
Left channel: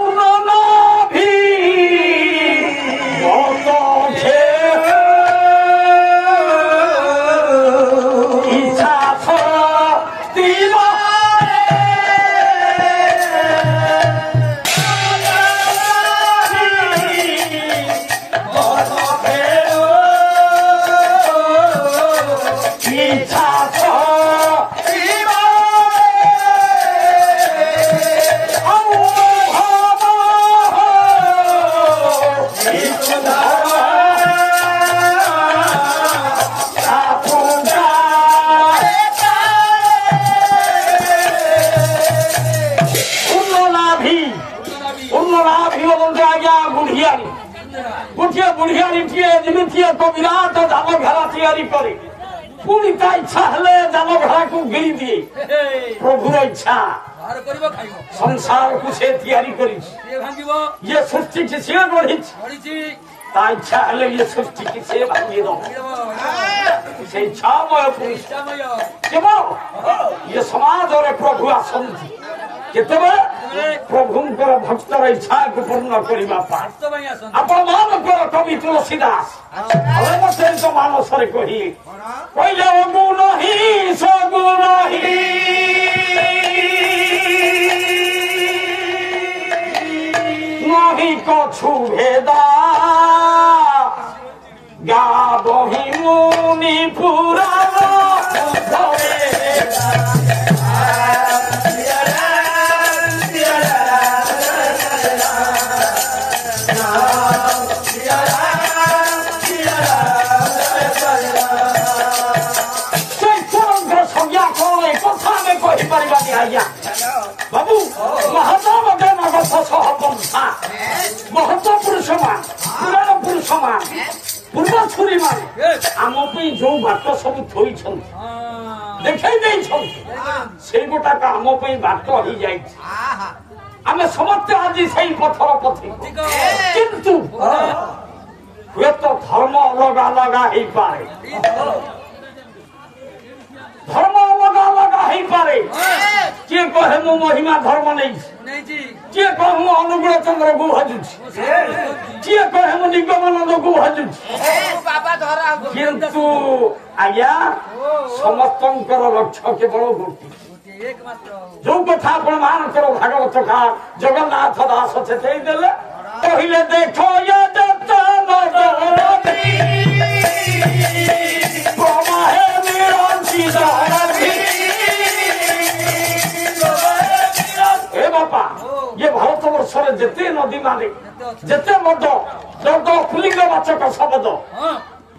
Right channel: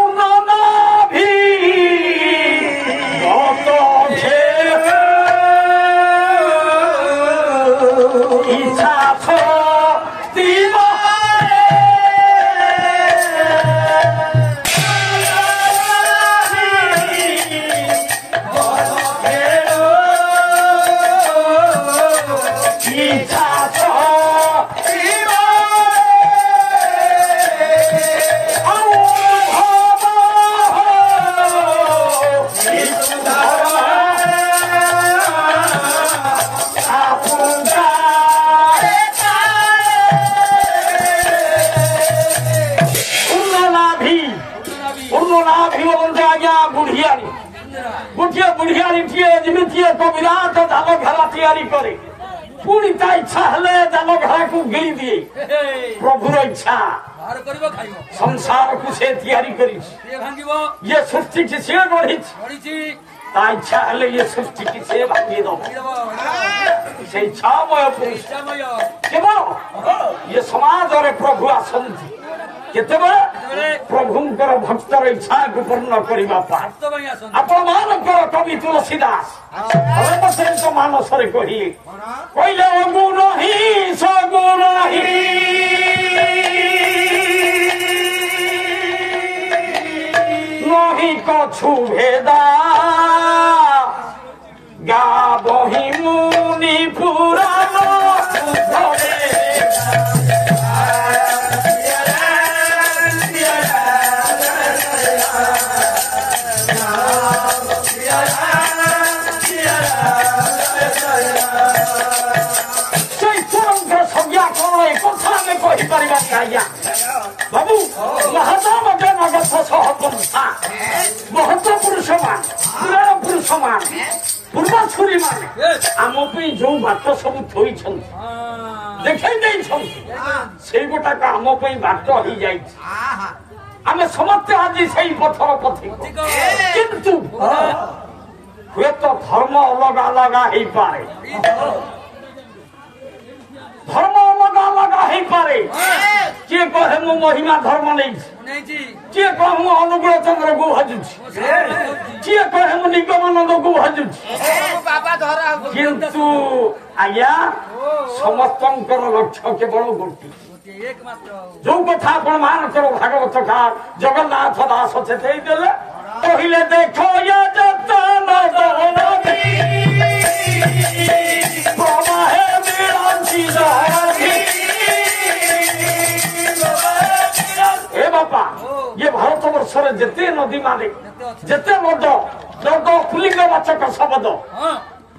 ବିରାଟ ଜାଲ ଘେରା ତିଆରି କରେ ପୁଣି ତା ଇଚ୍ଛା ହେଲେ ଜାଲ ଘେରାକୁ ଗିଳି ଦିଏ ପ୍ରଭୁର ଇଚ୍ଛା ସଂସାରକୁ ସେ ତିଆରି କରିଛି ଇଏ ସୃଷ୍ଟିକି ସିଏ ଗଢିଛି ତା ଇଚ୍ଛା ହେଲେ ଇଏ ସୃଷ୍ଟିକି ସେ ଭାଙ୍ଗି ଦବ ସେଇ ଛାମୟ ପୁରୁଷ କେବଳ ଇଏ ସମାଜରେ ପ୍ରଭୁ ଆସନ୍ତି କେତେବେଳେ ପ୍ରଭୁଙ୍କର ଭକ୍ତର ଇଚ୍ଛାକୁ ପୂର୍ଣ୍ଣ କରିବା ପାଇଁ ଆପଣମାନଙ୍କର କବି ତୁଳସୀଦାସ ମାନସରେ କହିଲେ ଅଗୁଣ ହିଁ ସଗୁଣ ହିଁ ନହି କଛୁ ଭେଦା ଗା ବହି ମୁନି ପୁରା ବାବୁ ମହତ ପୁରୁଷମାନ ପୁରାଣ ପୁରୁଷମାନ ପୂର୍ବଛୁରୀ ମାନେ ଆମ ପାଇଁ ଯୋଉ ବାଟ ସବୁ ଥୋଇଛନ୍ତି ଦେଖାଇ ଦେଇଛନ୍ତି ସେଇ ଗୋଟାକ ଆମ ପାଇଁ ବାଟ ହେଇଯାଇଛି ଆମେ ସମସ୍ତେ ଆଜି ସେଇ ପଥର ପଥିକ କିନ୍ତୁ ହୁଏତ ଧର୍ମ ଅଲଗା ଅଲଗା ହେଇପାରେ ଧର୍ମ ଅଲଗା ଅଲଗା ହେଇପାରେ କିଏ କହେ ମୁଁ ମହିମା ଧର୍ମ ନେଇଛି କିଏ କହେ ମୁଁ ଅନୁଗୁଳ ଚନ୍ଦ୍ରକୁ ଭଜୁଛି କିଏ କହେ ମୁଁ ନିଗମାନନ୍ଦକୁ ଭଜୁଛି କିନ୍ତୁ ଆଜ୍ଞା ସମସ୍ତଙ୍କର ଲକ୍ଷ୍ୟ କେବଳ ଗୋଟିଏ ଯୋଉ କଥା ଆପଣ ମାନଙ୍କର ଭାଗବତ ଜଗନ୍ନାଥ ଦାସ ଚେତେଇ ଦେଲେ କହିଲେ ଦେଖ ଏ ବାପା ଇଏ ଭାରତ ବର୍ଷରେ ଯେତେ ନଦୀ ମାନେ ଯେତେ ମଦ ପୁଲିଙ୍ଗ ବାଚକ ଶବଦ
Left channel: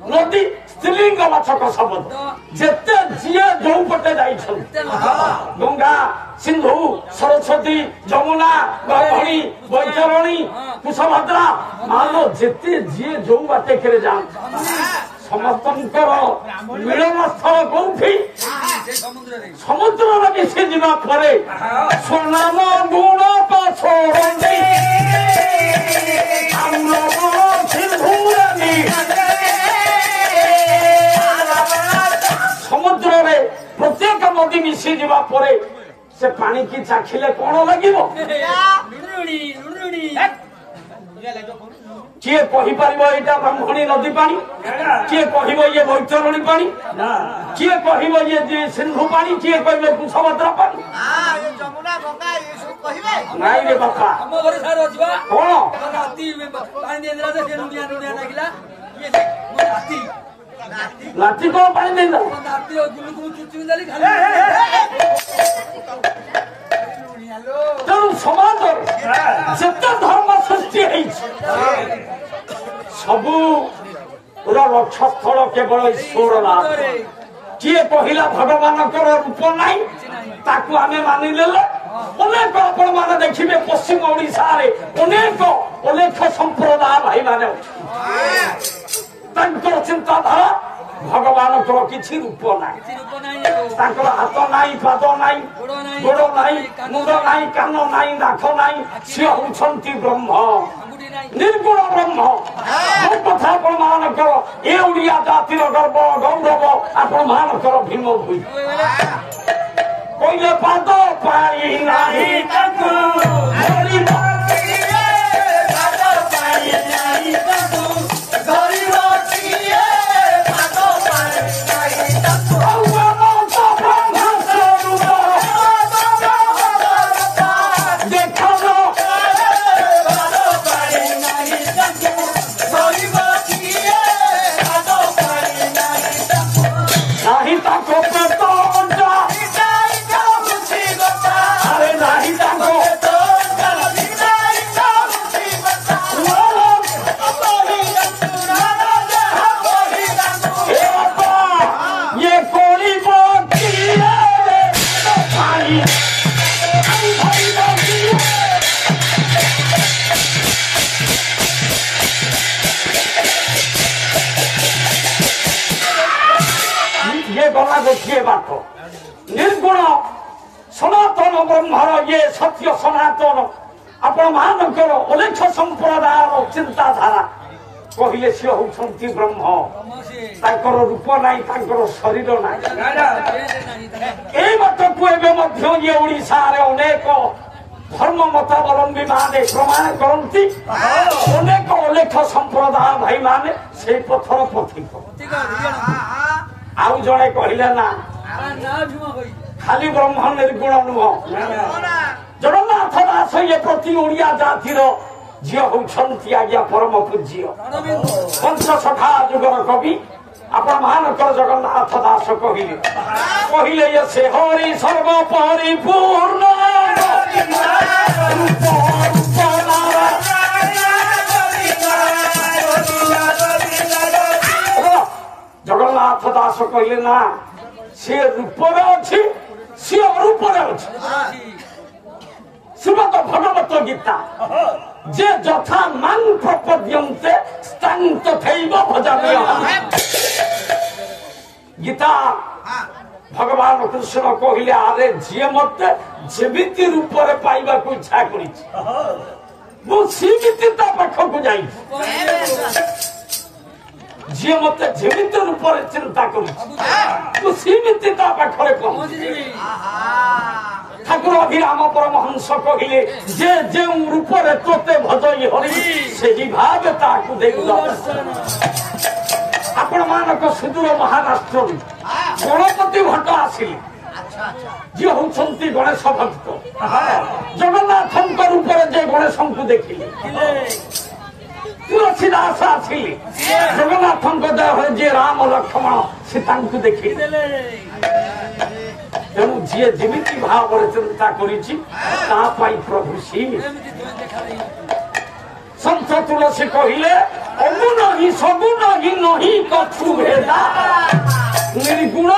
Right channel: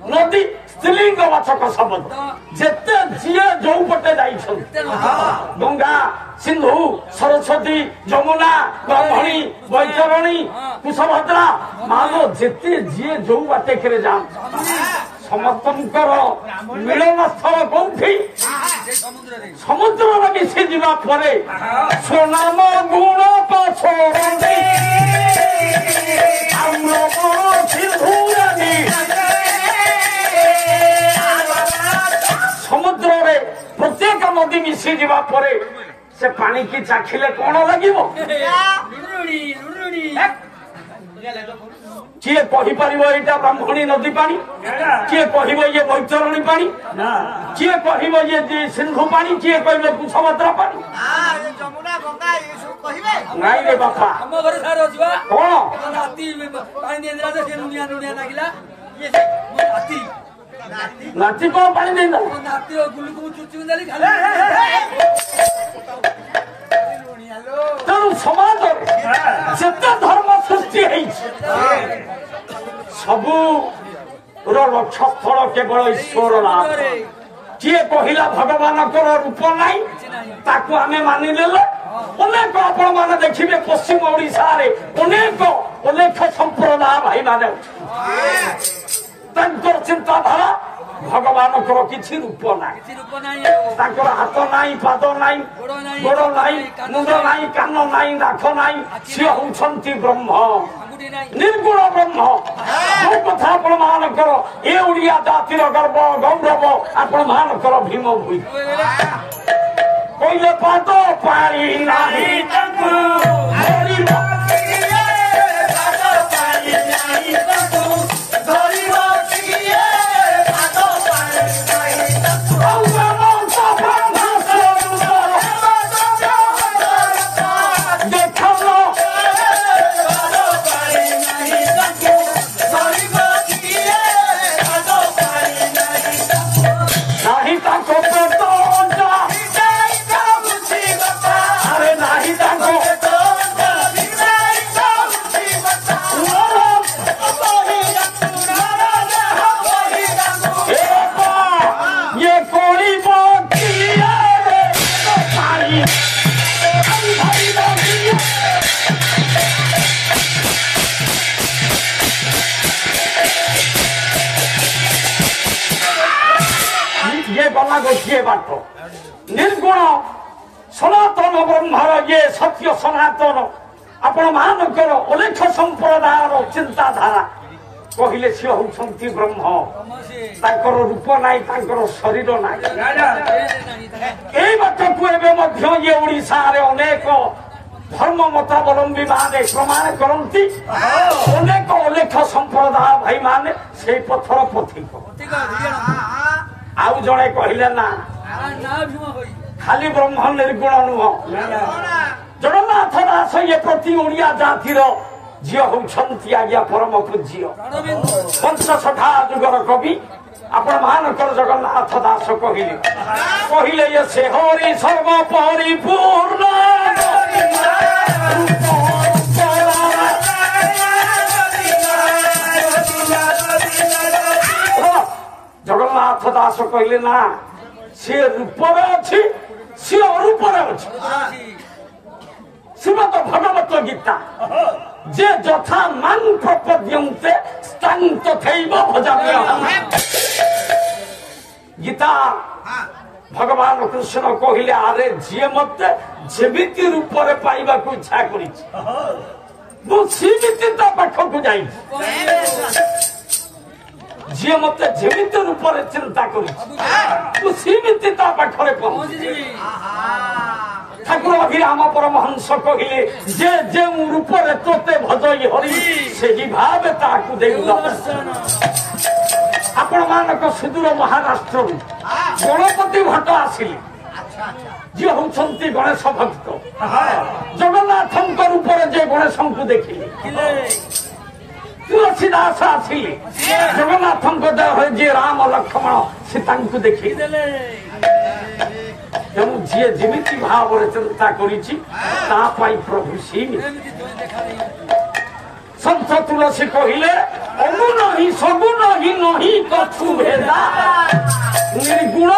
ନଦୀ ସ୍ତ୍ରୀଲିଙ୍ଗ ବାଚକ ଶବଦ ଯେତେ ଯିଏ ଯୋଉ ପଟେ ଯାଇଛନ୍ତି ଗଙ୍ଗା ସିନ୍ଧୁ ସରସ୍ୱତୀ ଯମୁନା ବ୍ରାହ୍ମଣୀ ବୈତରଣୀ କୁଶଭଦ୍ରା ମାନ ଯେତେ ଯିଏ ଯୋଉ ବାଟେକରେ ଯାଆନ୍ତି ସମସ୍ତଙ୍କର ମିଳନ ସ୍ଥଳ କୋଉଠି ସମୁଦ୍ରରେ ମିଶି ଯିବା ପରେ ସ୍ୱନାମ ଗୁଣ ସମୁଦ୍ରରେ ପ୍ରତ୍ୟେକ ନଦୀ ମିଶି ଯିବା ପରେ ସେ ପାଣି କି ଚାଖିଲେ କଣ ଲାଗିବ କିଏ କହିପାରିବ ଏଇଟା ବ୍ରାହ୍ମଣୀ ନଦୀ ପାଣି କିଏ କହିବ ଇଏ ବୈତରଣୀ ପାଣି କିଏ କହିବ ଇଏ ସିନ୍ଧୁ ପାଣି କିଏ କହିବେ କୁଶଭଦ୍ରା ପାଣି ନାଇଁ ରେ ବାପା ଆମ ଘରେ ସାର ଅଛି ବା କଣ ନାତି ପାଣି ଦେଇଦେଲା ଯେ ସେ ଲୁଣିଆ ଲୁଣିଆ ଲାଗିଲା ନାତି କଣ ପାଣି ଦେଇଦେଲା ନାତିର ଗୁଲୁକୁ ଚୁଚୁମି ଦେଲି ଖାଲି ତେଣୁ ସମାଜରେ ଯେତେ ଧର୍ମ ସୃଷ୍ଟି ହେଇଛି ସବୁର ଲକ୍ଷ୍ୟସ୍ଥଳ କେବଳ ଈଶ୍ୱର ନାମ କିଏ କହିଲା ଭଗବାନଙ୍କର ରୂପ ନାହିଁ ତାକୁ ଆମେ ମାନିନେଲେ ଅନେକ ଆପଣମାନେ ଦେଖିବେ ପଶ୍ଚିମ ଓଡିଶାରେ ଅନେକ ସମ୍ପ୍ରଦାୟ ତାଙ୍କର ଚିନ୍ତାଧାରା ଭଗବାନଙ୍କର କିଛି ରୂପ ନାହିଁ, ତାଙ୍କର ହାତ ନାହିଁ, ପାଦ ନାହିଁ, ଗୋଡ଼ ନାହିଁ, ମୁଣ୍ଡ ନାହିଁ, କାନ ନାହିଁ, ନାକ ନାହିଁ। ସିଏ ହଉଛନ୍ତି ବ୍ରହ୍ମ, ନିର୍ଗୁଣ ବ୍ରହ୍ମ। ଯୋଉ କଥା ଆପଣ ମାନଙ୍କର ଏ ଓଡିଆ ଜାତିର ଗର୍ବ ଗୌରବ ଆପଣ ମାନଙ୍କର ଭୀମ ଭୂଇ କହିଲେ ପାଦ ପାଣି ନାହିଁ ତାଙ୍କୁ निर्गुण सनातन ब्रह्मर ये सत्य सनातन आपण मानकर अलेख संप्रदायर चिंताधारा कहले सी होती ब्रह्म तांकर रूप नाई तांकर शरीर नाई बाटकू ये ओडिशा अनेक धर्म मतावलंबी माने प्रमाण करती अनेक अलेख संप्रदाय भाई माने से पथर पथिक आउ जड़े कहले ना खाली ब्रह्म निर्गुण नुह जगन्नाथ दास ये प्रति ओडिया जातिर झी होती आज्ञा परम पूज्य पंचसखा जुगर कवि आपण मानकर जगन्नाथ दास कहले ये से हरि सर्व परिपूर्ण जगन्नाथ दास कहले ना सी रूपर अच्छी सी अरूपर अच्छी श्रीमद भगवत गीता जे यथा मान प्रपद्यन्ते स्तां तथैव भजाम्यहम् गीता भगवान कृष्ण कहले आरे जी मत जेमिति रूपरे पाइबा को इच्छा करिछि मु सीमिति ता पाखकु जाई जी मत जेमिति रूपरे चिंता करिछि मु सीमिति ता पाखरे पहुंची ठाकुर अभिराम परमहंस कहले जे जे रूपरे तोते भजई हरि से ही भाव ताकु देउ आपण मानक सुदूर महाराष्ट्र गणपति भट्ट आसिले जी होती गणेश भक्त जगन्नाथ रूप जे गणेश को देखिले तुलसीदास आसिले जगन्नाथ देह जे राम लक्ष्मण सीता को देखिले तेणु जी जमी भाव चिंता कर प्रभु सीमी संत तुलसी कहले अगुण ही सगुण ही नहीं कछु भेदा निर्गुण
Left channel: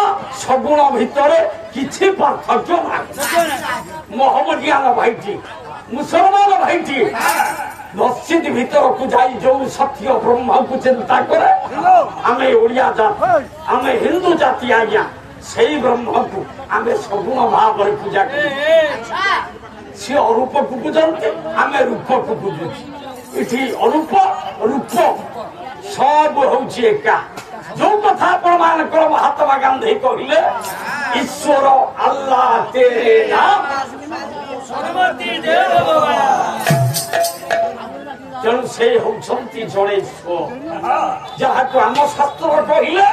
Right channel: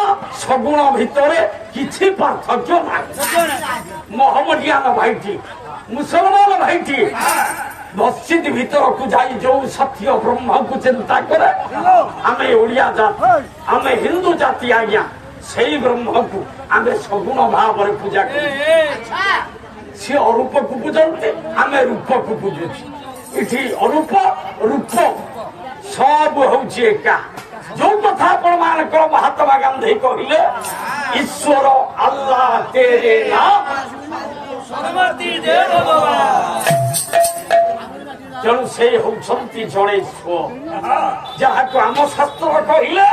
सगुण भितर किछि पार्थक्य नहीं मोहम्मदियान भाईटी मुसलमान भाईटी मस्जिद भीतर को जाई जो सत्य ब्रह्म को चिंता करे आमे ओडिया जाति आमे हिंदू जाति आज्ञा सही ब्रह्म को आमे सगुण भाव पूजा कर सी अरूप को पूजते आमे रूप को पूजु इठी अरूप रूप सब हूँ एका जो कथा प्रमाण कर महात्मा गांधी कहले ईश्वर अल्लाह तेरे नाम तेणु से होती जड़े ईश्वर जहाँ को आम शास्त्र कहले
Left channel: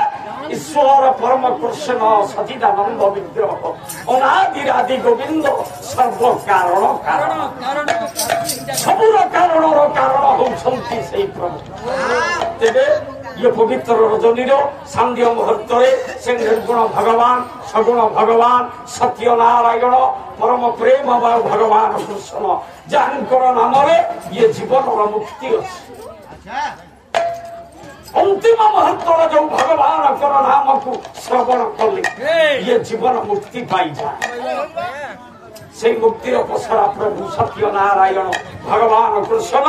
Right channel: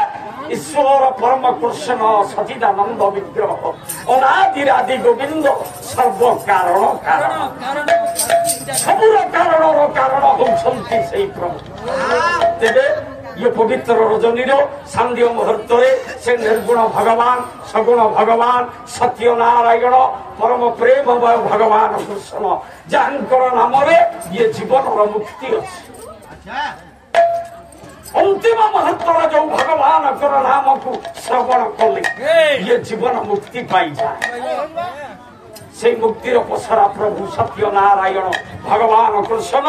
ईश्वर परम कृष्ण सचिदानंद विग्रह अनादिरादि गोविंद सर्व कारण कारण सबुर कारण होती से प्रभु तेरे ये पवित्र रजनी सांध्य मुहूर्त से निर्गुण भगवान सगुण भगवान सत्य नारायण परम प्रेम भगवान कृष्ण जानकर नाम ये जीवन मुक्ति अच्छी अंतिम मुहूर्त जो भगवान नाम को श्रवण कले ये जीवन मुक्ति पाई जाए সেই মুক্তির পসরা প্রভু সত্য নারায়ণ ভগবান কৃষ্ণ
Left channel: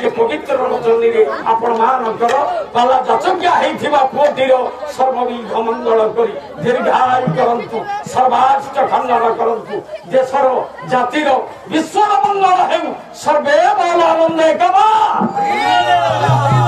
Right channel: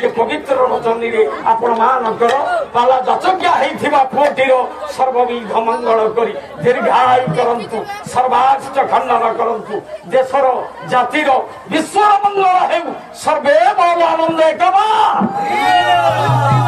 যে পবিত্র রচনীরে ଆପଣମାନଙ୍କର ପାଲା ଯଚଜ୍ଞା ହେଇଥିବା ପୁଅଟିର ସର୍ବବିଧ ମଙ୍ଗଳ କରି ଦୀର୍ଘାୟୁ କରନ୍ତୁ ସର୍ବାଷ୍ଟ ଖଣ୍ଡନ କରନ୍ତୁ ଦେଶର ଜାତିର ବିଶ୍ୱର ମଙ୍ଗଳ ହେଉ ସର୍ବେ ଭଲ ଆନନ୍ଦ କମା